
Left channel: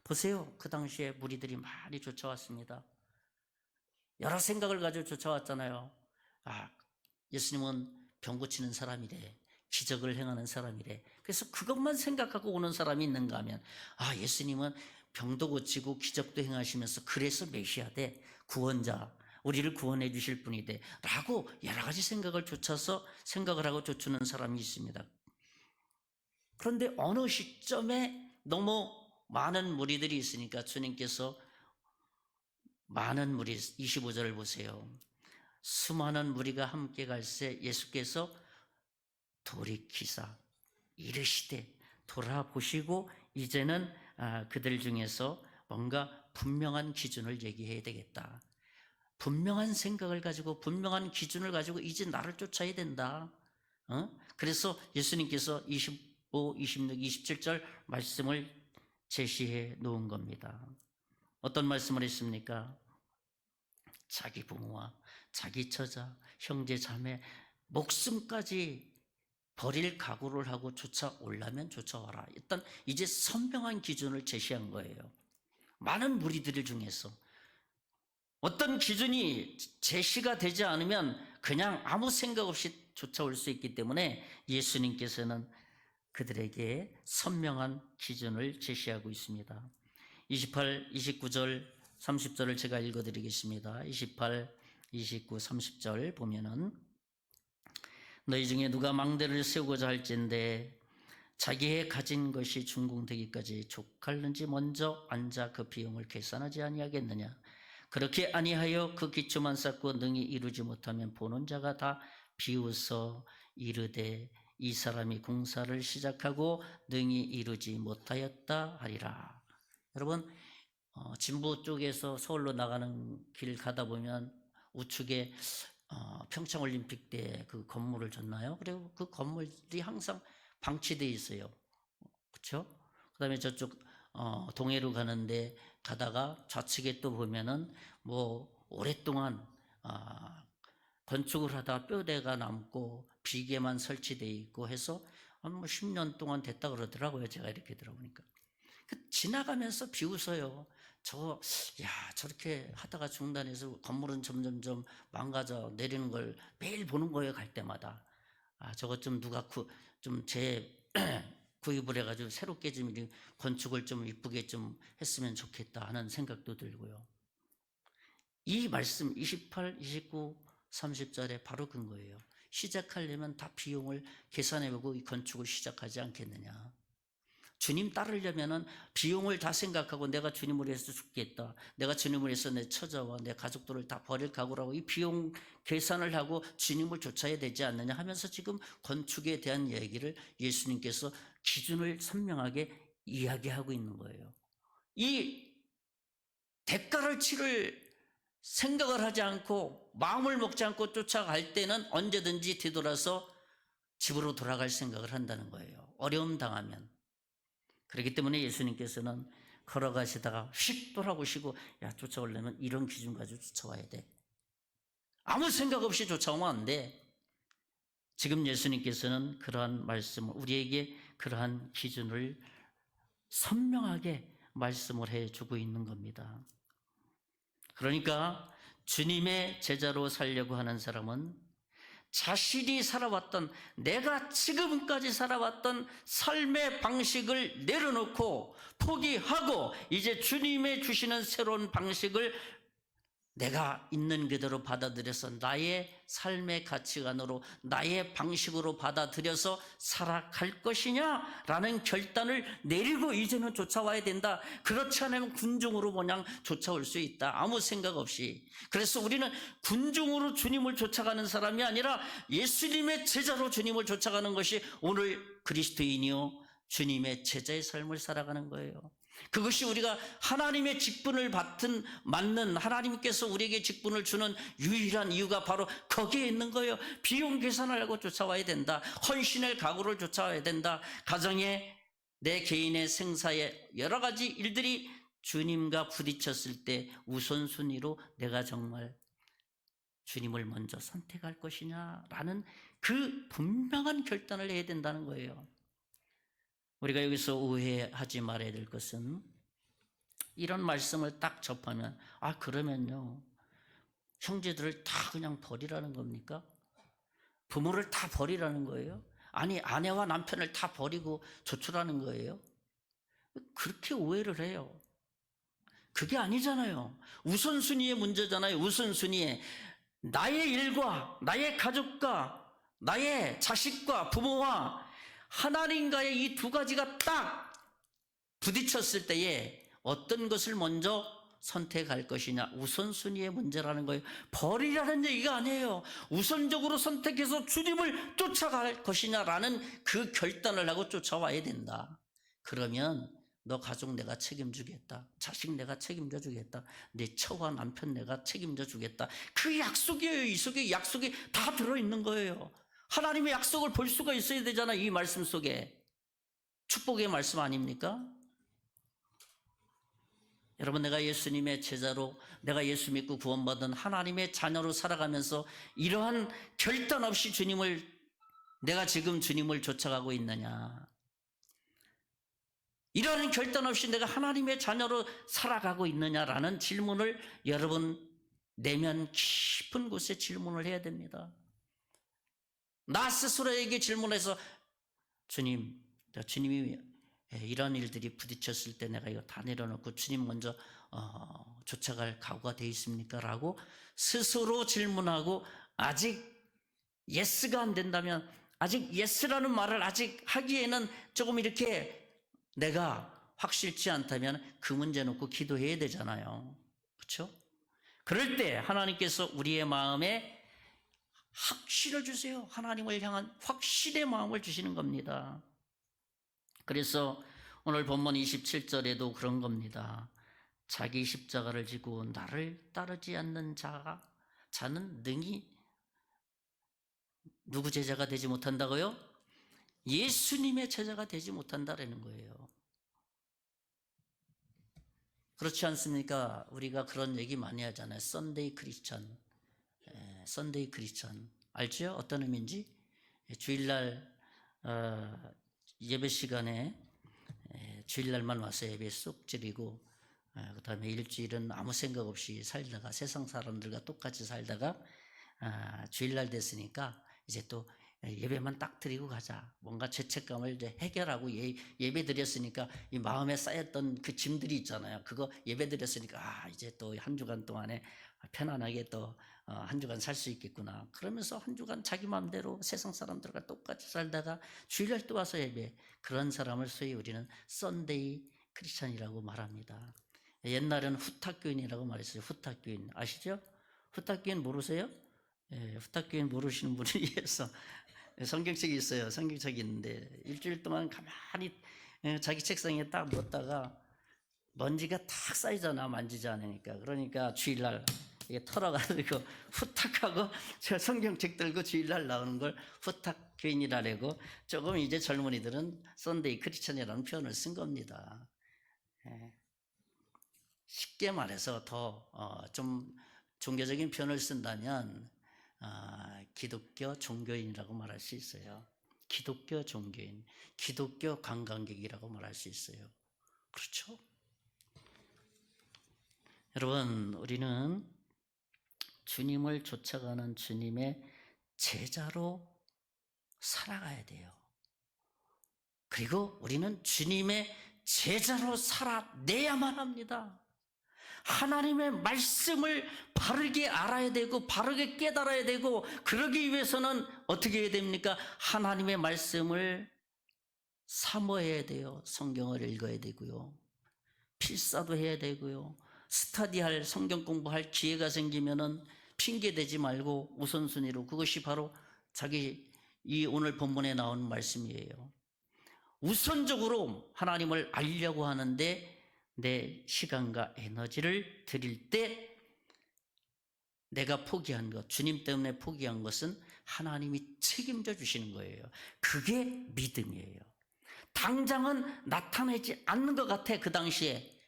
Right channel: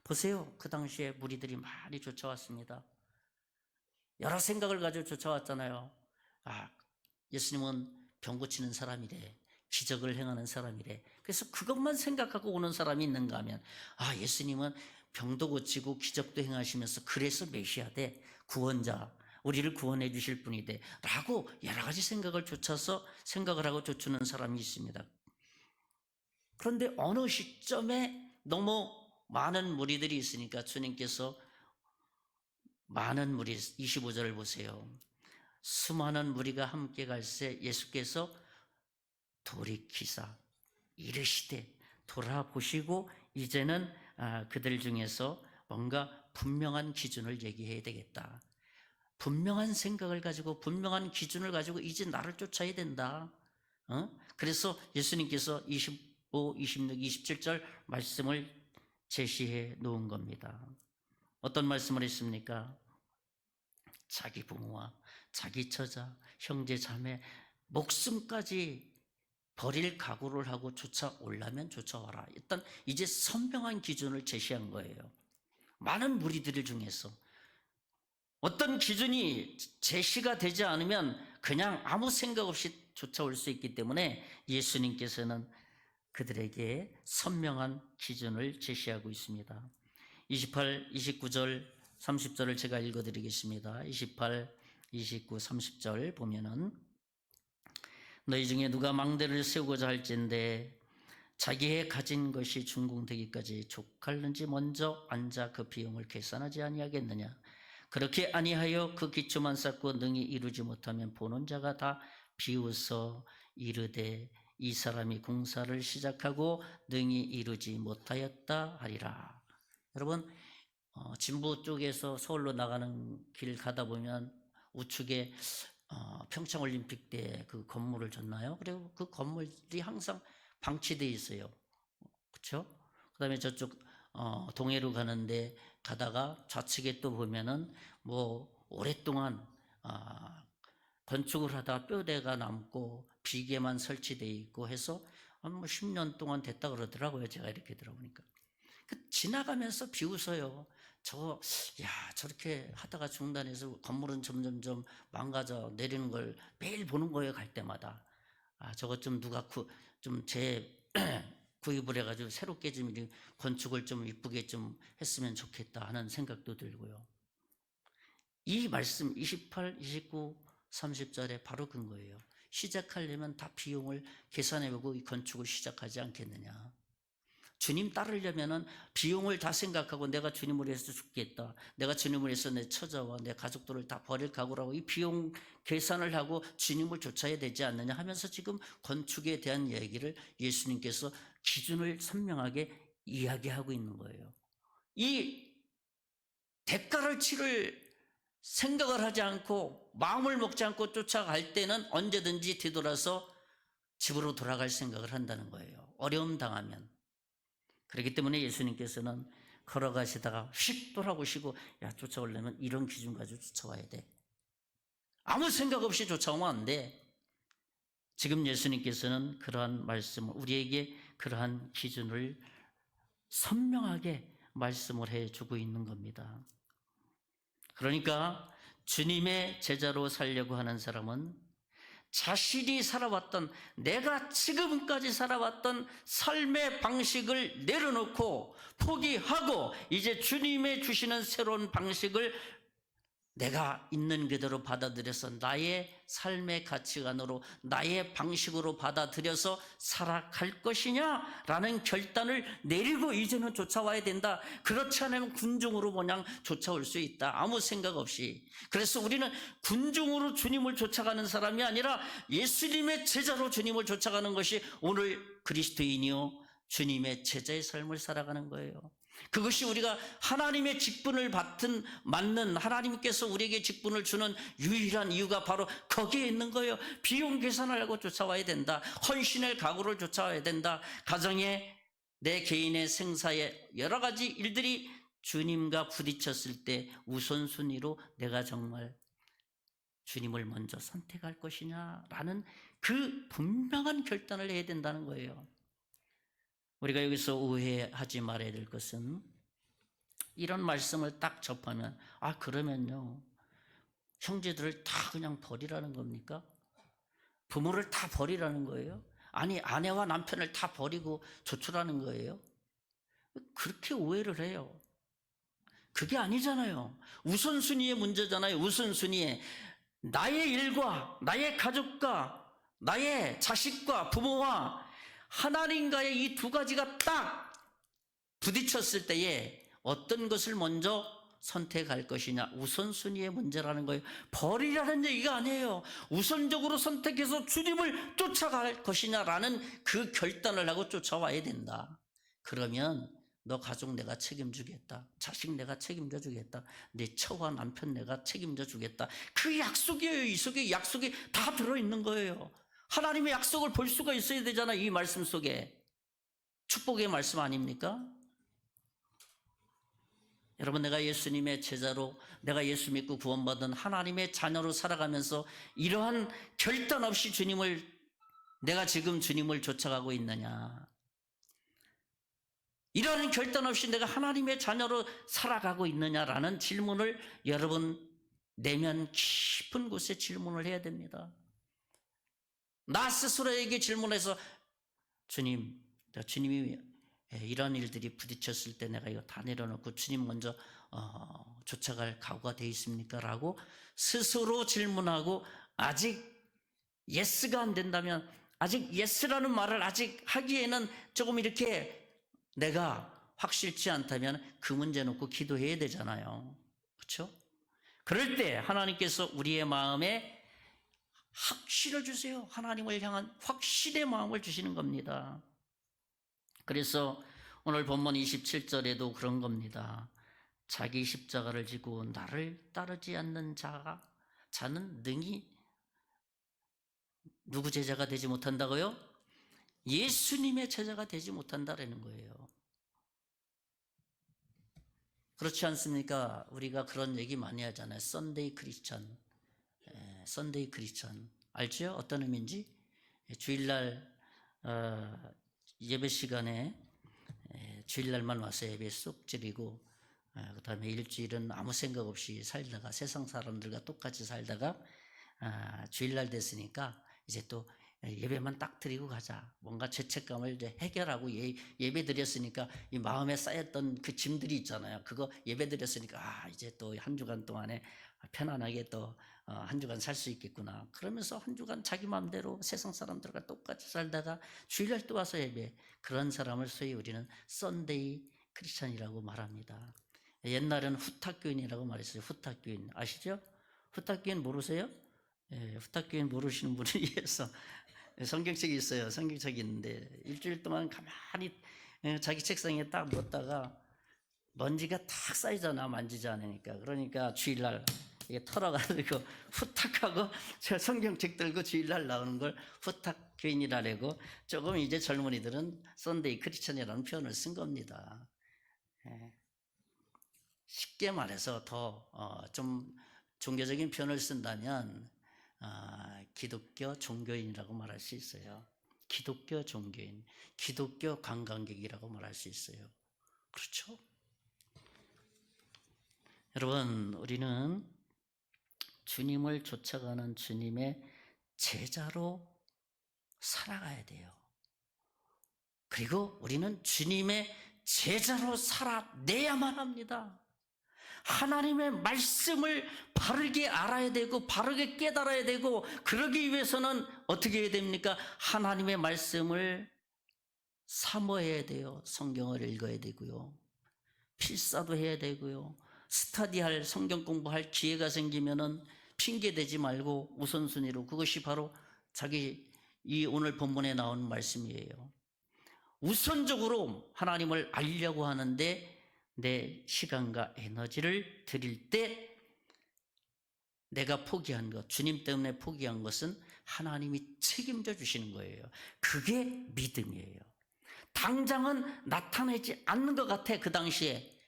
보세요. 그 당시에 무리들이 많이 쫓아왔습니다. 여러 생각을 가지고 쫓아왔잖아요. 예수님은 병 고치는 사람이래, 기적을 행하는 사람이래. 그래서 그것만 생각하고 오는 사람이 있는가 하면 예수님은 병도 고치고 기적도 행하시면서 그래서 메시아대, 구원자, 우리를 구원해 주실 분이대 라고 여러 가지 생각을 하고 쫓는 사람이 있습니다. 그런데 어느 시점에 너무 많은 무리들이 있으니까 주님께서 많은 무리, 25절을 보세요. 수많은 무리가 함께 갈새 예수께서 돌이키사 이르시되, 돌아보시고 이제는 그들 중에서 뭔가 분명한 기준을 얘기해야 되겠다. 분명한 생각을 가지고 분명한 기준을 가지고 이제 나를 쫓아야 된다. 그래서 예수님께서 25, 26, 27절 말씀을 제시해 놓은 겁니다. 어떤 말씀을 했습니까? 자기 부모와 자기 처자, 형제, 자매, 목숨까지 버릴 각오를 하고 쫓아오려면 쫓아와라. 일단 이제 선명한 기준을 제시한 거예요. 많은 무리들 중에서 어떤 기준이 제시가 되지 않으면 그냥 아무 생각 없이 쫓아올 수 있기 때문에 예수님께서는 그들에게 선명한 기준을 제시하고 있습니다. 28, 29절, 30절을 제가 읽어드리겠습니다. 28, 29, 30절 보면은 너희 중에 누가 망대를 세우고자 할진대 자기의 가진 것이 준공되기까지 족할는지 먼저 앉아 그 비용을 계산하지 아니하겠느냐. 그렇게 아니하여 그 기초만 쌓고 능히 이루지 못하면 보는 자가 다 비웃어 이르되 이 사람이 공사를 시작하고 능히 이루지 못하였다 하리라. 여러분, 진부 쪽에서 서울로 나가는 길 가다 보면 우측에 평창올림픽 때 그 건물을 줬나요? 그리고 그 건물이 항상 방치되어 있어요. 그렇죠? 그 다음에 저쪽 동해로 가는데 가다가 좌측에 또 보면은 뭐 오랫동안 건축을 하다가 뼈대가 남고 비계만 설치되어 있고 해서 뭐 10년 동안 됐다 그러더라고요. 제가 이렇게 들어보니까. 지나가면서 비웃어요. 저렇게 하다가 중단해서 건물은 점점점 망가져 내리는 걸 매일 보는 거예요. 갈 때마다. 저것 좀 누가 구입을 해가지고 새롭게 좀 건축을 좀 이쁘게 좀 했으면 좋겠다 하는 생각도 들고요. 이 말씀 28, 29, 30절에 바로 근거예요. 시작하려면 다 비용을 계산해보고 이 건축을 시작하지 않겠느냐. 주님 따르려면은 비용을 다 생각하고 내가 주님을 위해서 죽겠다. 내가 주님을 위해서 내 처자와 내 가족들을 다 버릴 각오라고 이 비용 계산을 하고 주님을 쫓아야 되지 않느냐 하면서 지금 건축에 대한 얘기를 예수님께서 기준을 선명하게 이야기하고 있는 거예요. 이 대가를 치를 생각을 하지 않고 마음을 먹지 않고 쫓아갈 때는 언제든지 뒤돌아서 집으로 돌아갈 생각을 한다는 거예요. 어려움 당하면. 그렇기 때문에 예수님께서는 걸어가시다가 휙 돌아보시고 쫓아오려면 이런 기준 가지고 쫓아와야 돼. 아무 생각 없이 쫓아오면 안 돼. 지금 예수님께서는 그러한 말씀을 우리에게 그러한 기준을 선명하게 말씀을 해주고 있는 겁니다. 그러니까 주님의 제자로 살려고 하는 사람은 자신이 살아왔던 내가 지금까지 살아왔던 삶의 방식을 내려놓고 포기하고 이제 주님의 주시는 새로운 방식을 내가 있는 그대로 받아들여서 나의 삶의 가치관으로 나의 방식으로 받아들여서 살아갈 것이냐라는 결단을 내리고 이제는 쫓아와야 된다. 그렇지 않으면 군중으로 그냥 쫓아올 수 있다. 아무 생각 없이. 그래서 우리는 군중으로 주님을 쫓아가는 사람이 아니라 예수님의 제자로 주님을 쫓아가는 것이 오늘 그리스도인이요 주님의 제자의 삶을 살아가는 거예요. 그것이 우리가 하나님의 직분을 맞는 하나님께서 우리에게 직분을 주는 유일한 이유가 바로 거기에 있는 거예요. 비용 계산을 하고 쫓아와야 된다. 헌신의 각오를 쫓아와야 된다. 가정에 내 개인의 생사에 여러 가지 일들이 주님과 부딪혔을 때 우선순위로 내가 정말 주님을 먼저 선택할 것이냐라는 그 분명한 결단을 해야 된다는 거예요. 우리가 여기서 오해하지 말아야 될 것은 이런 말씀을 딱 접하면 그러면요 형제들을 다 그냥 버리라는 겁니까? 부모를 다 버리라는 거예요? 아니 아내와 남편을 다 버리고 조출하는 거예요? 그렇게 오해를 해요. 그게 아니잖아요. 우선순위의 문제잖아요. 우선순위에 나의 일과 나의 가족과 나의 자식과 부모와 하나님과의 이 두 가지가 딱 부딪혔을 때에 어떤 것을 먼저 선택할 것이냐 우선순위의 문제라는 거예요. 버리라는 얘기가 아니에요. 우선적으로 선택해서 주님을 쫓아갈 것이냐라는 그 결단을 하고 쫓아와야 된다. 그러면 너 가족 내가 책임지겠다. 자식 내가 책임져 주겠다. 네 처와 남편 내가 책임져 주겠다. 그 약속이에요. 이 속에 약속이 다 들어있는 거예요. 하나님의 약속을 볼 수가 있어야 되잖아요. 이 말씀 속에. 축복의 말씀 아닙니까? 여러분, 내가 예수님의 제자로, 내가 예수 믿고 구원받은 하나님의 자녀로 살아가면서 이러한 결단 없이 내가 지금 주님을 쫓아가고 있느냐? 이러한 결단 없이 내가 하나님의 자녀로 살아가고 있느냐라는 질문을 여러분 내면 깊은 곳에 질문을 해야 됩니다. 나 스스로에게 질문해서 주님이 이런 일들이 부딪혔을 때 내가 이거 다 내려놓고 주님 먼저 쫓아갈 각오가 되어 있습니까? 라고 스스로 질문하고 아직 예스가 안 된다면, 아직 예스라는 말을 아직 하기에는 조금 이렇게 내가 확실치 않다면 그 문제 놓고 기도해야 되잖아요. 그렇죠? 그럴 때 하나님께서 우리의 마음에 확신을 주세요. 하나님을 향한 확신의 마음을 주시는 겁니다. 그래서 오늘 본문 27절에도 그런 겁니다. 자기 십자가를 지고 나를 따르지 않는 자는 능히 누구 제자가 되지 못한다고요? 예수님의 제자가 되지 못한다라는 거예요. 그렇지 않습니까? 우리가 그런 얘기 많이 하잖아요. 썬데이 크리스천. 썬데이 크리스천. 알죠? 어떤 의미인지? 주일날 예배 시간에 주일날만 와서 예배 쏙 드리고 그 다음에 일주일은 아무 생각 없이 살다가 세상 사람들과 똑같이 살다가 주일날 됐으니까 이제 또 예배만 딱 드리고 가자. 뭔가 죄책감을 이제 해결하고 예배 드렸으니까 이 마음에 쌓였던 그 짐들이 있잖아요. 그거 예배 드렸으니까 이제 또 한 주간 동안에 편안하게 또 한 주간 살 수 있겠구나. 그러면서 한 주간 자기 마음대로 세상 사람들과 똑같이 살다가 주일날 또 와서 예배. 그런 사람을 소위 우리는 썬데이 크리스찬이라고 말합니다. 옛날에는 후탁교인이라고 말했어요. 후탁교인 아시죠? 후탁교인 모르세요? 후탁교인 모르시는 분을 위해서 성경책이 있어요. 성경책이 있는데 일주일 동안 가만히 자기 책상에 딱 놓았다가 먼지가 탁 쌓이잖아. 만지지 않으니까. 그러니까 주일날 이게 털어가지고 후탁하고 저 성경책 들고 주일날 나오는 걸 후탁교인이라고 조금 이제 젊은이들은 썬데이 크리스천이라는 표현을 쓴 겁니다. 쉽게 말해서 더 좀 종교적인 표현을 쓴다면 기독교 종교인이라고 말할 수 있어요. 기독교 종교인, 기독교 관광객이라고 말할 수 있어요. 그렇죠? 여러분, 우리는 주님을 쫓아가는 주님의 제자로 살아가야 돼요. 그리고 우리는 주님의 제자로 살아내야만 합니다. 하나님의 말씀을 바르게 알아야 되고 바르게 깨달아야 되고, 그러기 위해서는 어떻게 해야 됩니까? 하나님의 말씀을 사모해야 돼요. 성경을 읽어야 되고요. 필사도 해야 되고요. 스터디할, 성경 공부할 기회가 생기면은 핑계대지 말고 우선순위로, 그것이 바로 이 오늘 본문에 나온 말씀이에요. 우선적으로 하나님을 알려고 하는데 내 시간과 에너지를 드릴 때 내가 포기한 것, 주님 때문에 포기한 것은 하나님이 책임져 주시는 거예요. 그게 믿음이에요. 당장은 나타내지 않는 것 같아, 그 당시에.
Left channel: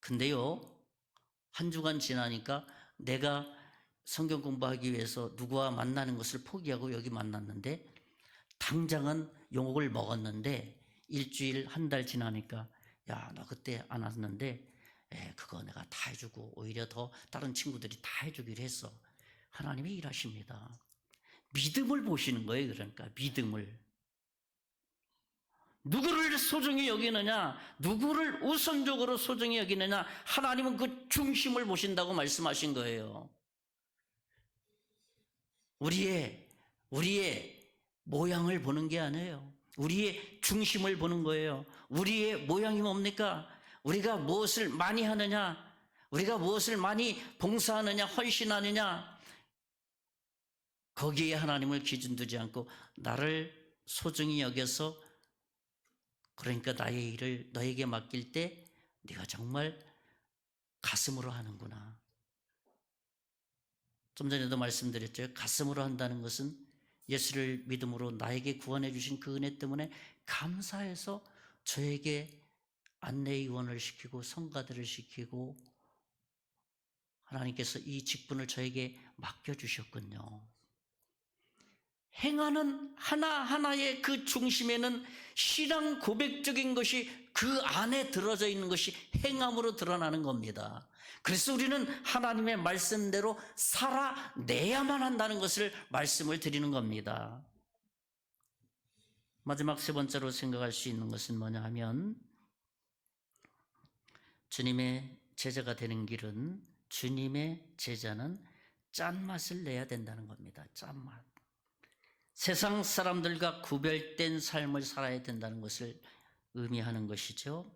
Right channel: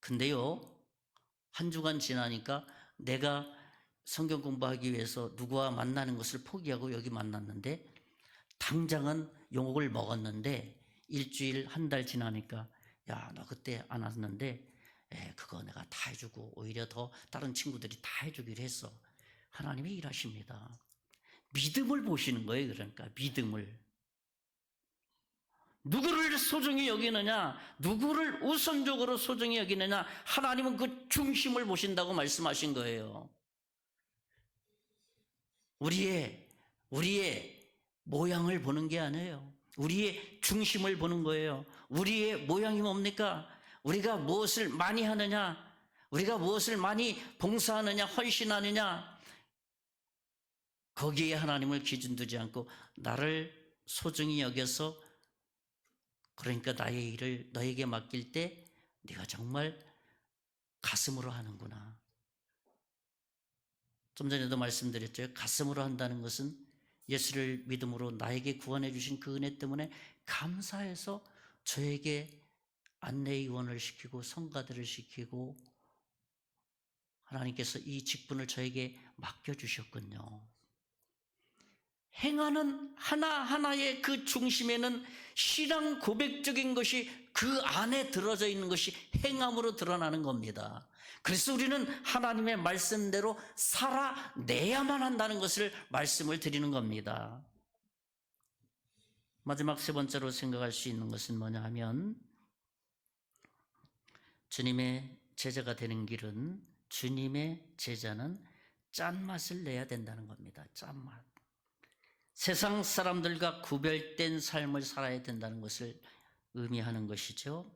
근데요, 한 주간 지나니까 내가 성경 공부하기 위해서 누구와 만나는 것을 포기하고 여기 만났는데, 당장은 욕을 먹었는데 일주일, 한 달 지나니까 야, 너 그때 안 왔는데 그거 내가 다 해주고 오히려 더 다른 친구들이 다 해주기로 했어. 하나님이 일하십니다. 믿음을 보시는 거예요. 그러니까 믿음을. 누구를 소중히 여기느냐, 누구를 우선적으로 소중히 여기느냐, 하나님은 그 중심을 보신다고 말씀하신 거예요. 우리의 모양을 보는 게 아니에요. 우리의 중심을 보는 거예요. 우리의 모양이 뭡니까? 우리가 무엇을 많이 하느냐, 우리가 무엇을 많이 봉사하느냐, 헌신하느냐, 거기에 하나님을 기준 두지 않고 나를 소중히 여겨서 그러니까 나의 일을 너에게 맡길 때 네가 정말 가슴으로 하는구나. 좀 전에도 말씀드렸죠. 가슴으로 한다는 것은 예수를 믿음으로 나에게 구원해 주신 그 은혜 때문에 감사해서 저에게 안내의원을 시키고 성가대를 시키고 하나님께서 이 직분을 저에게 맡겨주셨군요. 행하는 하나하나의 그 중심에는 신앙 고백적인 것이 그 안에 들어져 있는 것이 행함으로 드러나는 겁니다. 그래서 우리는 하나님의 말씀대로 살아내야만 한다는 것을 말씀을 드리는 겁니다. 마지막 세 번째로 생각할 수 있는 것은 뭐냐 하면 주님의 제자가 되는 길은 주님의 제자는 짠맛을 내야 된다는 겁니다. 짠맛. 세상 사람들과 구별된 삶을 살아야 된다는 것을 의미하는 것이죠.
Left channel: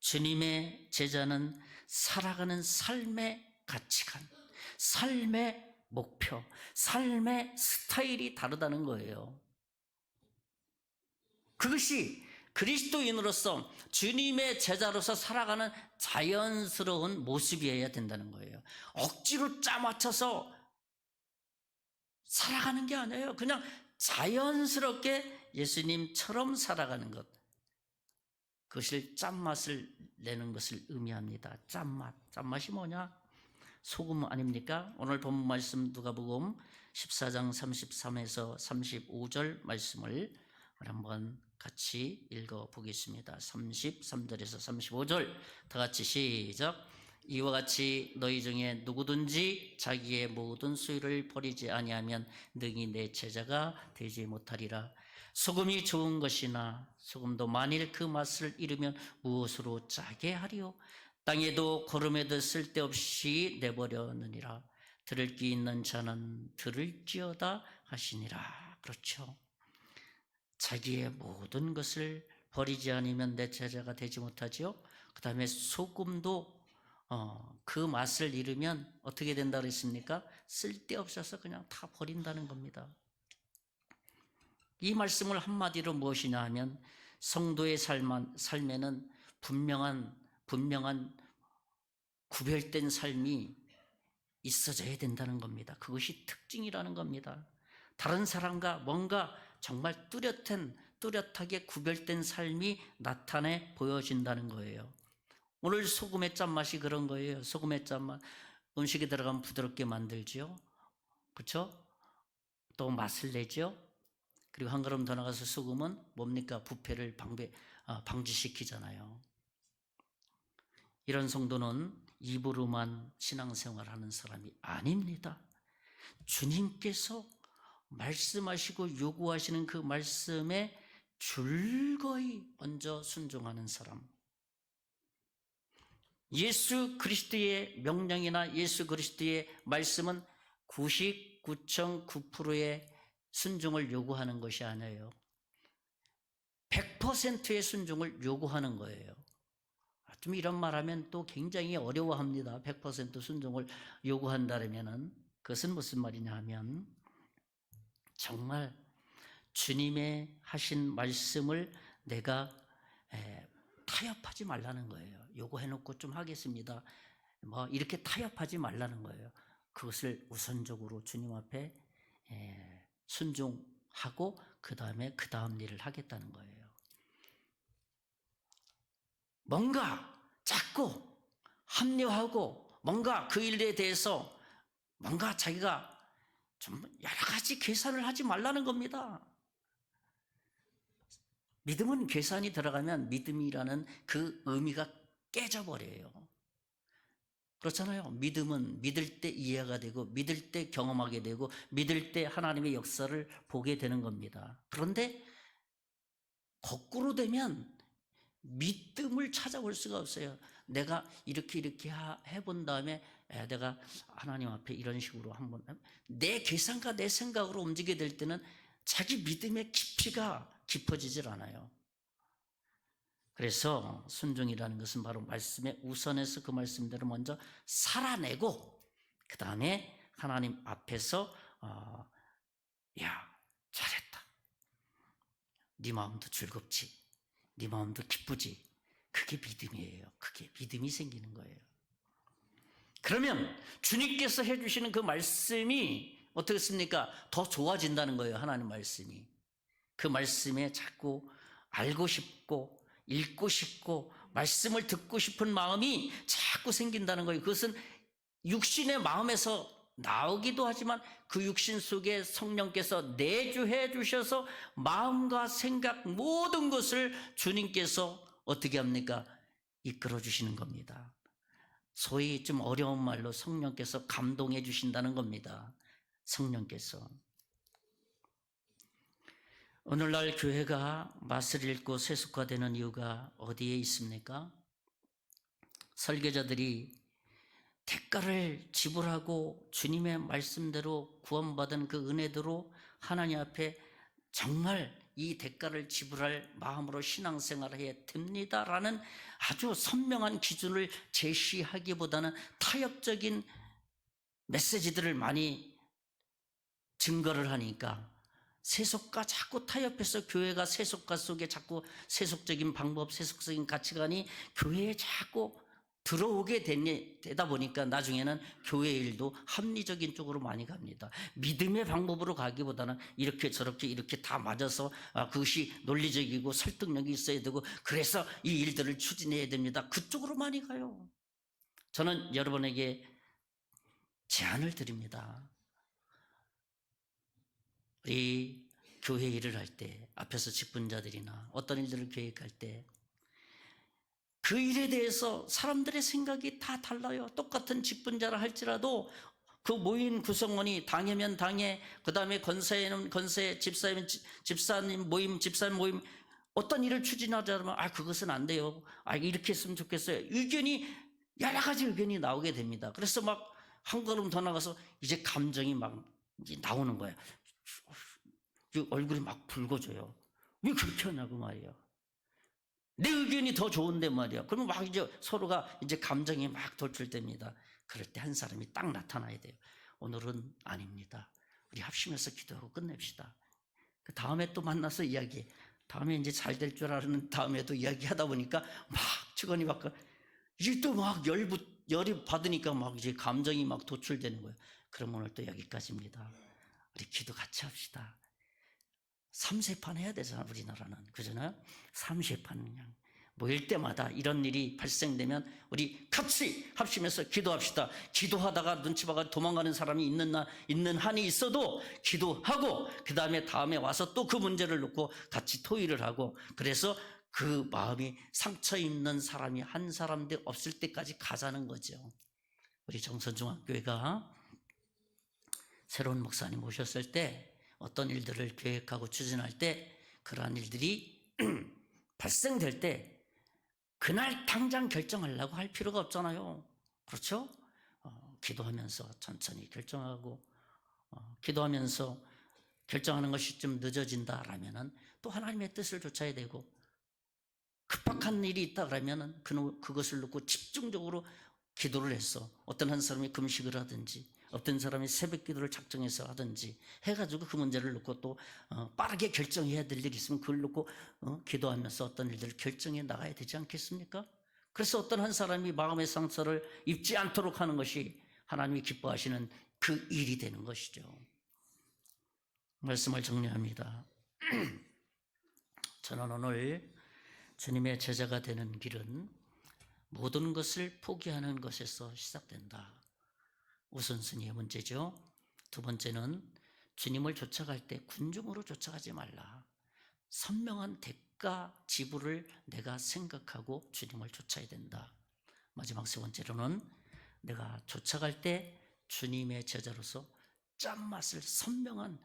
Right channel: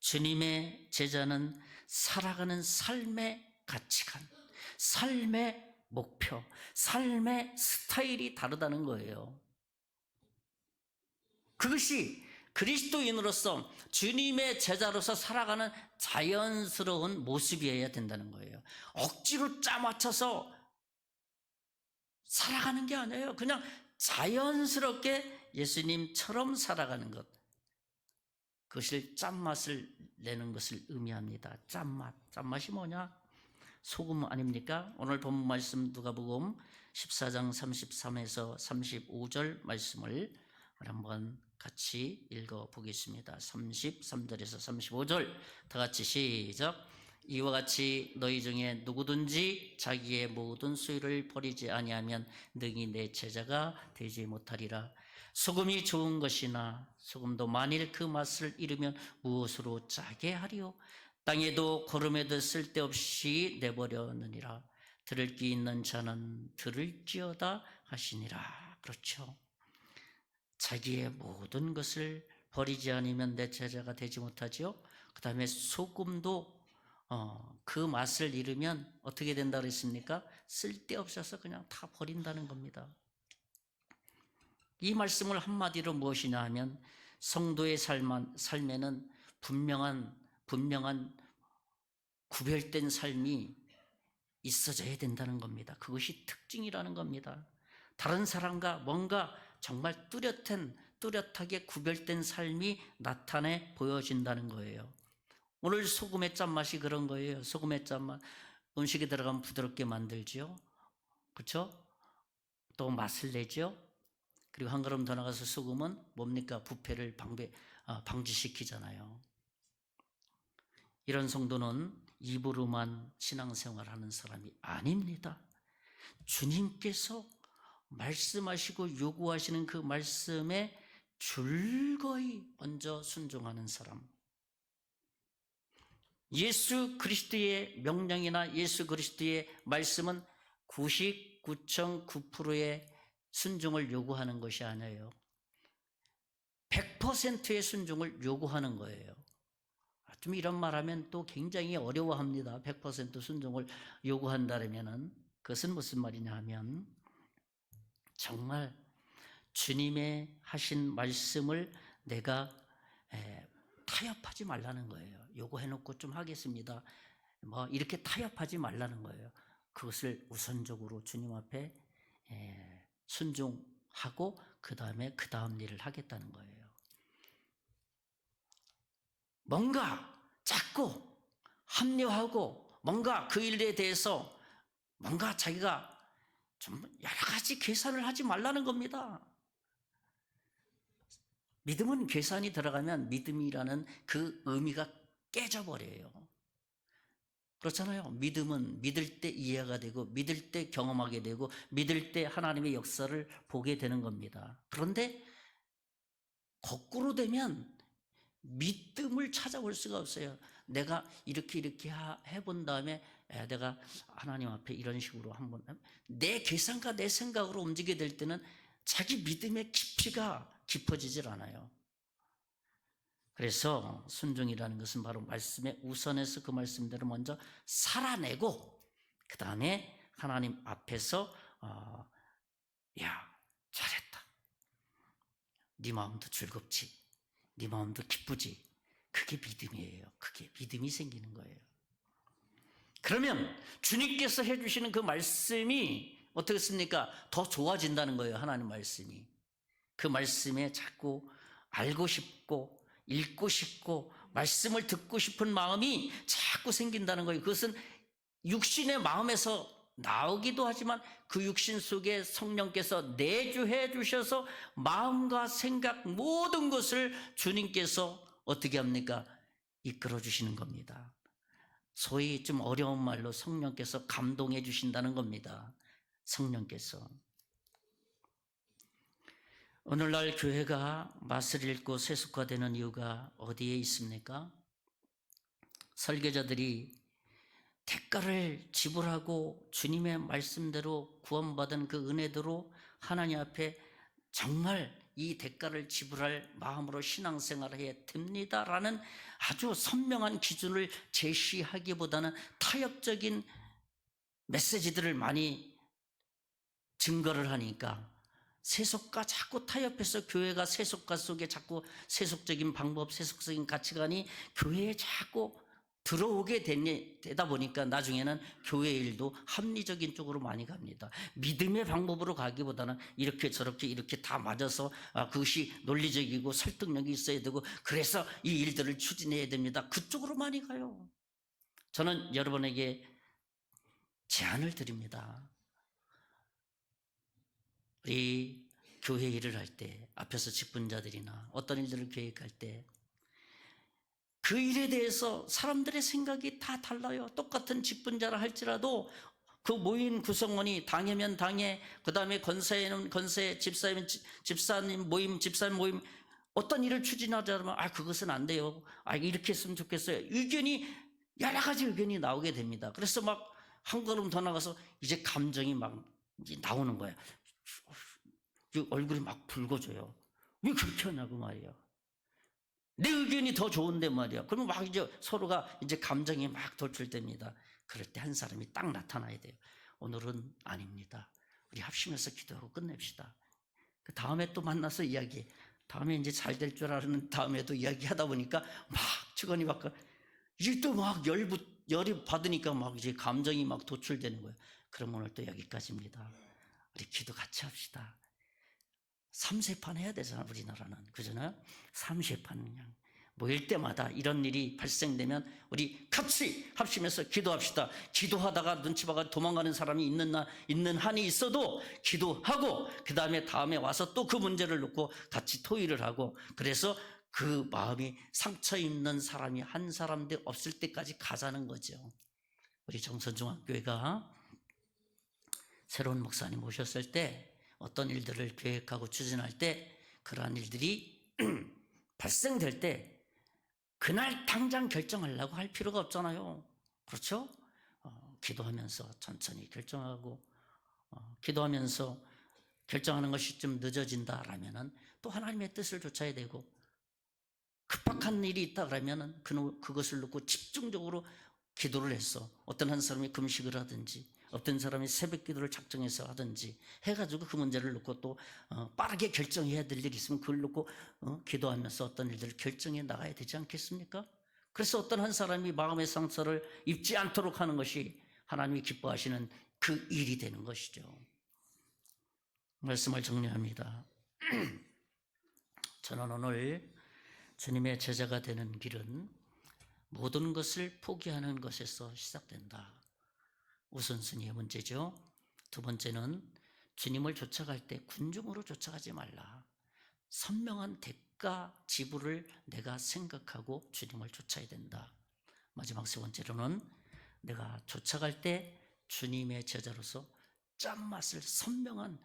주님의 제자는 살아가는 삶의 가치관, 삶의 목표, 삶의 스타일이 다르다는 거예요. 그것이 그리스도인으로서 주님의 제자로서 살아가는 자연스러운 모습이어야 된다는 거예요. 억지로 짜맞춰서 살아가는 게 아니에요. 그냥 자연스럽게 예수님처럼 살아가는 것. 그것을 짠맛을 내는 것을 의미합니다. 짠맛. 짠맛이 뭐냐? 소금 아닙니까? 오늘 본 말씀 누가복음 14장 33에서 35절 말씀을 한번 같이 읽어보겠습니다. 33절에서 35절 다 같이 시작. 이와 같이 너희 중에 누구든지 자기의 모든 소유를 버리지 아니하면 능히 내 제자가 되지 못하리라. 소금이 좋은 것이나 소금도 만일 그 맛을 잃으면 무엇으로 짜게 하리요? 땅에도 거름에도 쓸데없이 내버려느니라. 들을 귀 있는 자는 들을지어다 하시니라. 그렇죠. 자기의 모든 것을 버리지 않으면 내 제자가 되지 못하죠. 그 다음에 소금도 그 맛을 잃으면 어떻게 된다 그랬습니까? 쓸데없어서 그냥 다 버린다는 겁니다. 이 말씀을 한마디로 무엇이냐 하면 성도의 삶에는 분명한 구별된 삶이 있어져야 된다는 겁니다. 그것이 특징이라는 겁니다. 다른 사람과 뭔가 정말 뚜렷하게 구별된 삶이 나타내 보여진다는 거예요. 오늘 소금의 짠맛이 그런 거예요. 소금의 짠맛. 음식에 들어가면 부드럽게 만들지요. 그렇죠? 또 맛을 내죠. 그리고 한 걸음 더 나가서 소금은 뭡니까? 부패를 방지시키잖아요. 이런 성도는 입으로만 신앙생활하는 사람이 아닙니다. 주님께서 말씀하시고 요구하시는 그 말씀에 줄거이 먼저 순종하는 사람. 예수 그리스도의 명령이나 예수 그리스도의 말씀은 99.9%의 순종을 요구하는 것이 아니에요. 100%의 순종을 요구하는 거예요. 좀 이런 말하면 또 굉장히 어려워합니다. 100% 순종을 요구한다면은 그것은 무슨 말이냐 하면 정말 주님의 하신 말씀을 내가 타협하지 말라는 거예요. 요구해놓고 좀 하겠습니다. 뭐 이렇게 타협하지 말라는 거예요. 그것을 우선적으로 주님 앞에 순종하고 그 다음 일을 하겠다는 거예요. 뭔가 자꾸 합리화하고 뭔가 그 일에 대해서 뭔가 자기가 좀 여러 가지 계산을 하지 말라는 겁니다. 믿음은 계산이 들어가면 믿음이라는 그 의미가 깨져버려요. 그렇잖아요. 믿음은 믿을 때 이해가 되고 믿을 때 경험하게 되고 믿을 때 하나님의 역사를 보게 되는 겁니다. 그런데 거꾸로 되면 믿음을 찾아볼 수가 없어요. 내가 이렇게 해본 다음에 내가 하나님 앞에 이런 식으로 한번 내 계산과 내 생각으로 움직이게 될 때는 자기 믿음의 깊이가 깊어지질 않아요. 그래서 순종이라는 것은 바로 말씀에 우선해서 그 말씀대로 먼저 살아내고 그 다음에 하나님 앞에서 야 잘했다. 네 마음도 즐겁지. 네 마음도 기쁘지. 그게 믿음이에요. 그게 믿음이 생기는 거예요. 그러면 주님께서 해주시는 그 말씀이 어떻겠습니까? 더 좋아진다는 거예요. 하나님 말씀이. 그 말씀에 자꾸 알고 싶고 읽고 싶고 말씀을 듣고 싶은 마음이 자꾸 생긴다는 거예요. 그것은 육신의 마음에서 나오기도 하지만 그 육신 속에 성령께서 내주해 주셔서 마음과 생각 모든 것을 주님께서 어떻게 합니까? 이끌어 주시는 겁니다. 소위 좀 어려운 말로 성령께서 감동해 주신다는 겁니다. 성령께서. 오늘날 교회가 맛을 잃고 세속화되는 이유가 어디에 있습니까? 설교자들이 대가를 지불하고 주님의 말씀대로 구원받은 그 은혜대로 하나님 앞에 정말 이 대가를 지불할 마음으로 신앙생활을 해야 됩니다라는 아주 선명한 기준을 제시하기보다는 타협적인 메시지들을 많이 증거를 하니까 세속과 자꾸 타협해서 교회가 세속과 속에 자꾸 세속적인 방법, 세속적인 가치관이 교회에 자꾸 들어오게 되다 보니까 나중에는 교회 일도 합리적인 쪽으로 많이 갑니다. 믿음의 방법으로 가기보다는 이렇게 저렇게 이렇게 다 맞아서 그것이 논리적이고 설득력이 있어야 되고 그래서 이 일들을 추진해야 됩니다. 그쪽으로 많이 가요. 저는 여러분에게 제안을 드립니다. 우리 교회 일을 할 때 앞에서 직분자들이나 어떤 일들을 계획할 때 그 일에 대해서 사람들의 생각이 다 달라요. 똑같은 직분자라 할지라도 그 모인 구성원이 당이면 당에, 그 다음에 권사에는 권세, 집사면 집사님 모임, 집사님 모임 어떤 일을 추진하자면 그것은 안 돼요. 이렇게 했으면 좋겠어요. 의견이 여러 가지 의견이 나오게 됩니다. 그래서 막 한 걸음 더 나가서 이제 감정이 막 이제 나오는 거예요. 얼굴이 막 붉어져요. 왜 그렇게 하냐고 말이에요. 내 의견이 더 좋은데 말이야. 그러면 막 이제 서로가 이제 감정이 막 돌출됩니다. 그럴 때 한 사람이 딱 나타나야 돼요. 오늘은 아닙니다. 우리 합심해서 기도하고 끝냅시다. 그 다음에 또 만나서 이야기. 다음에 이제 잘 될 줄 아는 다음에도 이야기하다 보니까 막 주거니 받고 이제 또 막 열이 받으니까 막 이제 감정이 막 도출되는 거예요. 그럼 오늘 또 여기까지입니다. 우리 기도 같이 합시다. 3세판 해야 되잖아, 우리나라는. 그잖아요? 3세판 그냥. 모일 때마다 이런 일이 발생되면 우리 같이 합심해서 기도합시다. 기도하다가 눈치 봐가 도망가는 사람이 있는 한이 있어도 기도하고, 그 다음에 와서 또 그 문제를 놓고 같이 토의를 하고, 그래서 그 마음이 상처 있는 사람이 한 사람도 없을 때까지 가자는 거죠. 우리 정선중학교회가 새로운 목사님 오셨을 때 어떤 일들을 계획하고 추진할 때 그러한 일들이 발생될 때 그날 당장 결정하려고 할 필요가 없잖아요. 그렇죠? 기도하면서 천천히 결정하고 기도하면서 결정하는 것이 좀 늦어진다라면은 또 하나님의 뜻을 좇아야 되고 급박한 일이 있다 그러면은 그것을 놓고 집중적으로 기도를 해서 어떤 한 사람이 금식을 하든지 어떤 사람이 새벽 기도를 작정해서 하든지 해가지고 그 문제를 놓고 또 빠르게 결정해야 될 일이 있으면 그걸 놓고 기도하면서 어떤 일들을 결정해 나가야 되지 않겠습니까? 그래서 어떤 한 사람이 마음의 상처를 입지 않도록 하는 것이 하나님이 기뻐하시는 그 일이 되는 것이죠. 말씀을 정리합니다. 저는 오늘 주님의 제자가 되는 길은 모든 것을 포기하는 것에서 시작된다. 우선순위의 문제죠. 두 번째는 주님을 쫓아갈 때 군중으로 쫓아가지 말라. 선명한 대가 지불을 내가 생각하고 주님을 쫓아야 된다. 마지막 세 번째로는 내가 쫓아갈 때 주님의 제자로서 짠맛을 선명한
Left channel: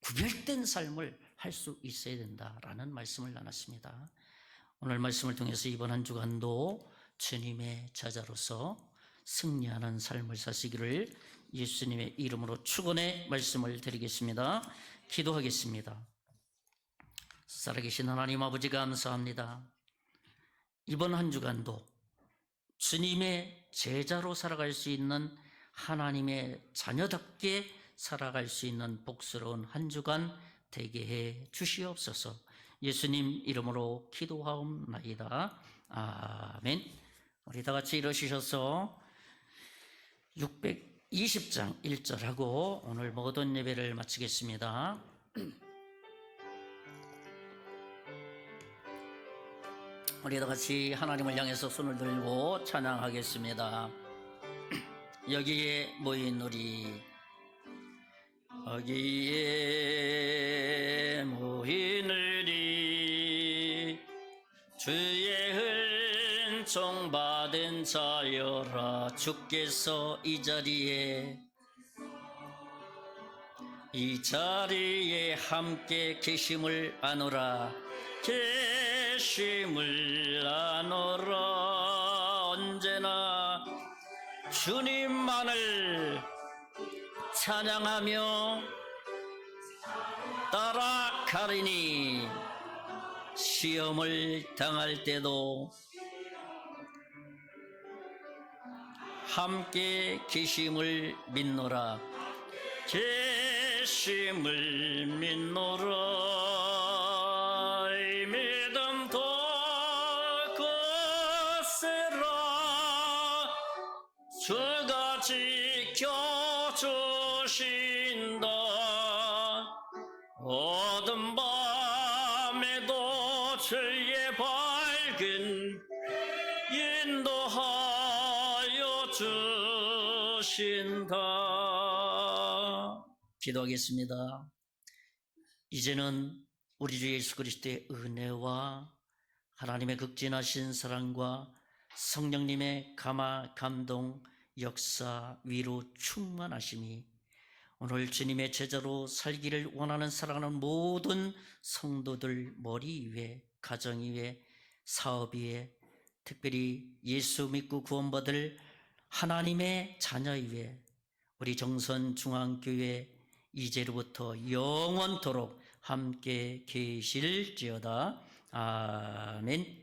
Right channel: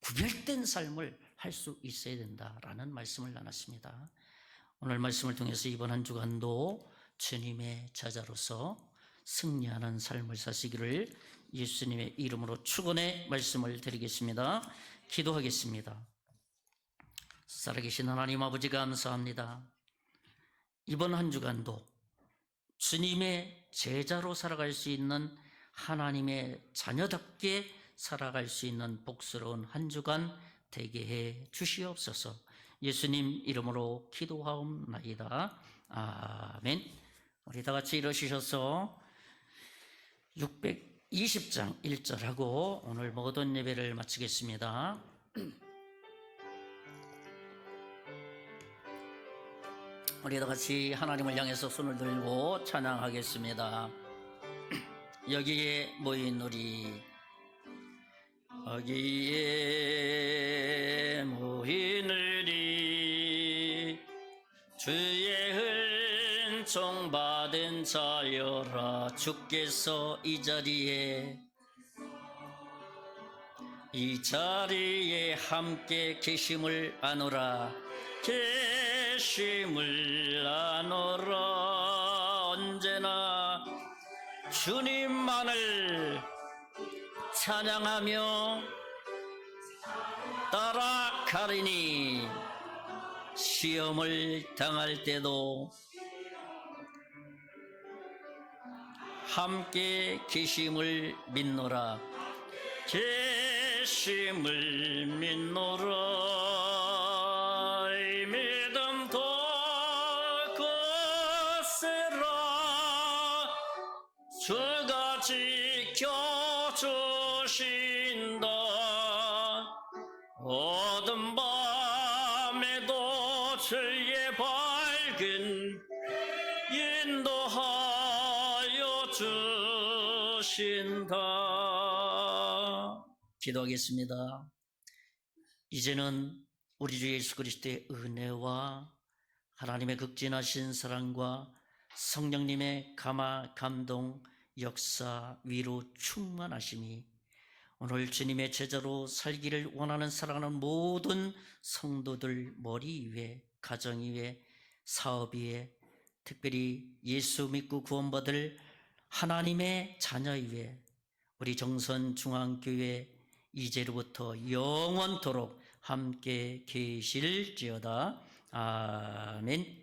구별된 삶을 할 수 있어야 된다라는 말씀을 나눴습니다. 오늘 말씀을 통해서 이번 한 주간도 주님의 제자로서 승리하는 삶을 사시기를 예수님의 이름으로 축원의 말씀을 드리겠습니다. 기도하겠습니다. 살아계신 하나님 아버지 감사합니다. 이번 한 주간도 주님의 제자로 살아갈 수 있는 하나님의 자녀답게 살아갈 수 있는 복스러운 한 주간 되게 해 주시옵소서. 예수님 이름으로 기도하옵나이다. 아멘. 우리 다 같이 일어서셔서 620장 1절하고 오늘 모든 예배를 마치겠습니다. 우리 다 같이 하나님을 향해서 손을 들고 찬양하겠습니다. 여기에 모인 우리, 여기에 모인 우리, 주의 은총 받은 자여라. 주께서 이 자리에 함께 계심을 아노라. 계심을 아노라. 언제나 주님만을 찬양하며 따라가리니 시험을 당할 때도 함께 계심을 믿노라. 계심을 믿노라. 이 믿음 거스라. 주가 지켜주신다. 어둠 밤에도 주의 밝은 인도하여 주신다. 기도하겠습니다. 이제는 우리 주 예수 그리스도의 은혜와 하나님의 극진하신 사랑과 성령님의 감화, 감동, 역사, 위로 충만하심이 오늘 주님의 제자로 살기를 원하는 사랑하는 모든 성도들 머리 위에, 가정 위에, 사업 위에, 특별히 예수 믿고 구원받을 하나님의 자녀 위에, 우리 정선중앙교회 이제로부터 영원토록 함께 계실지어다. 아멘.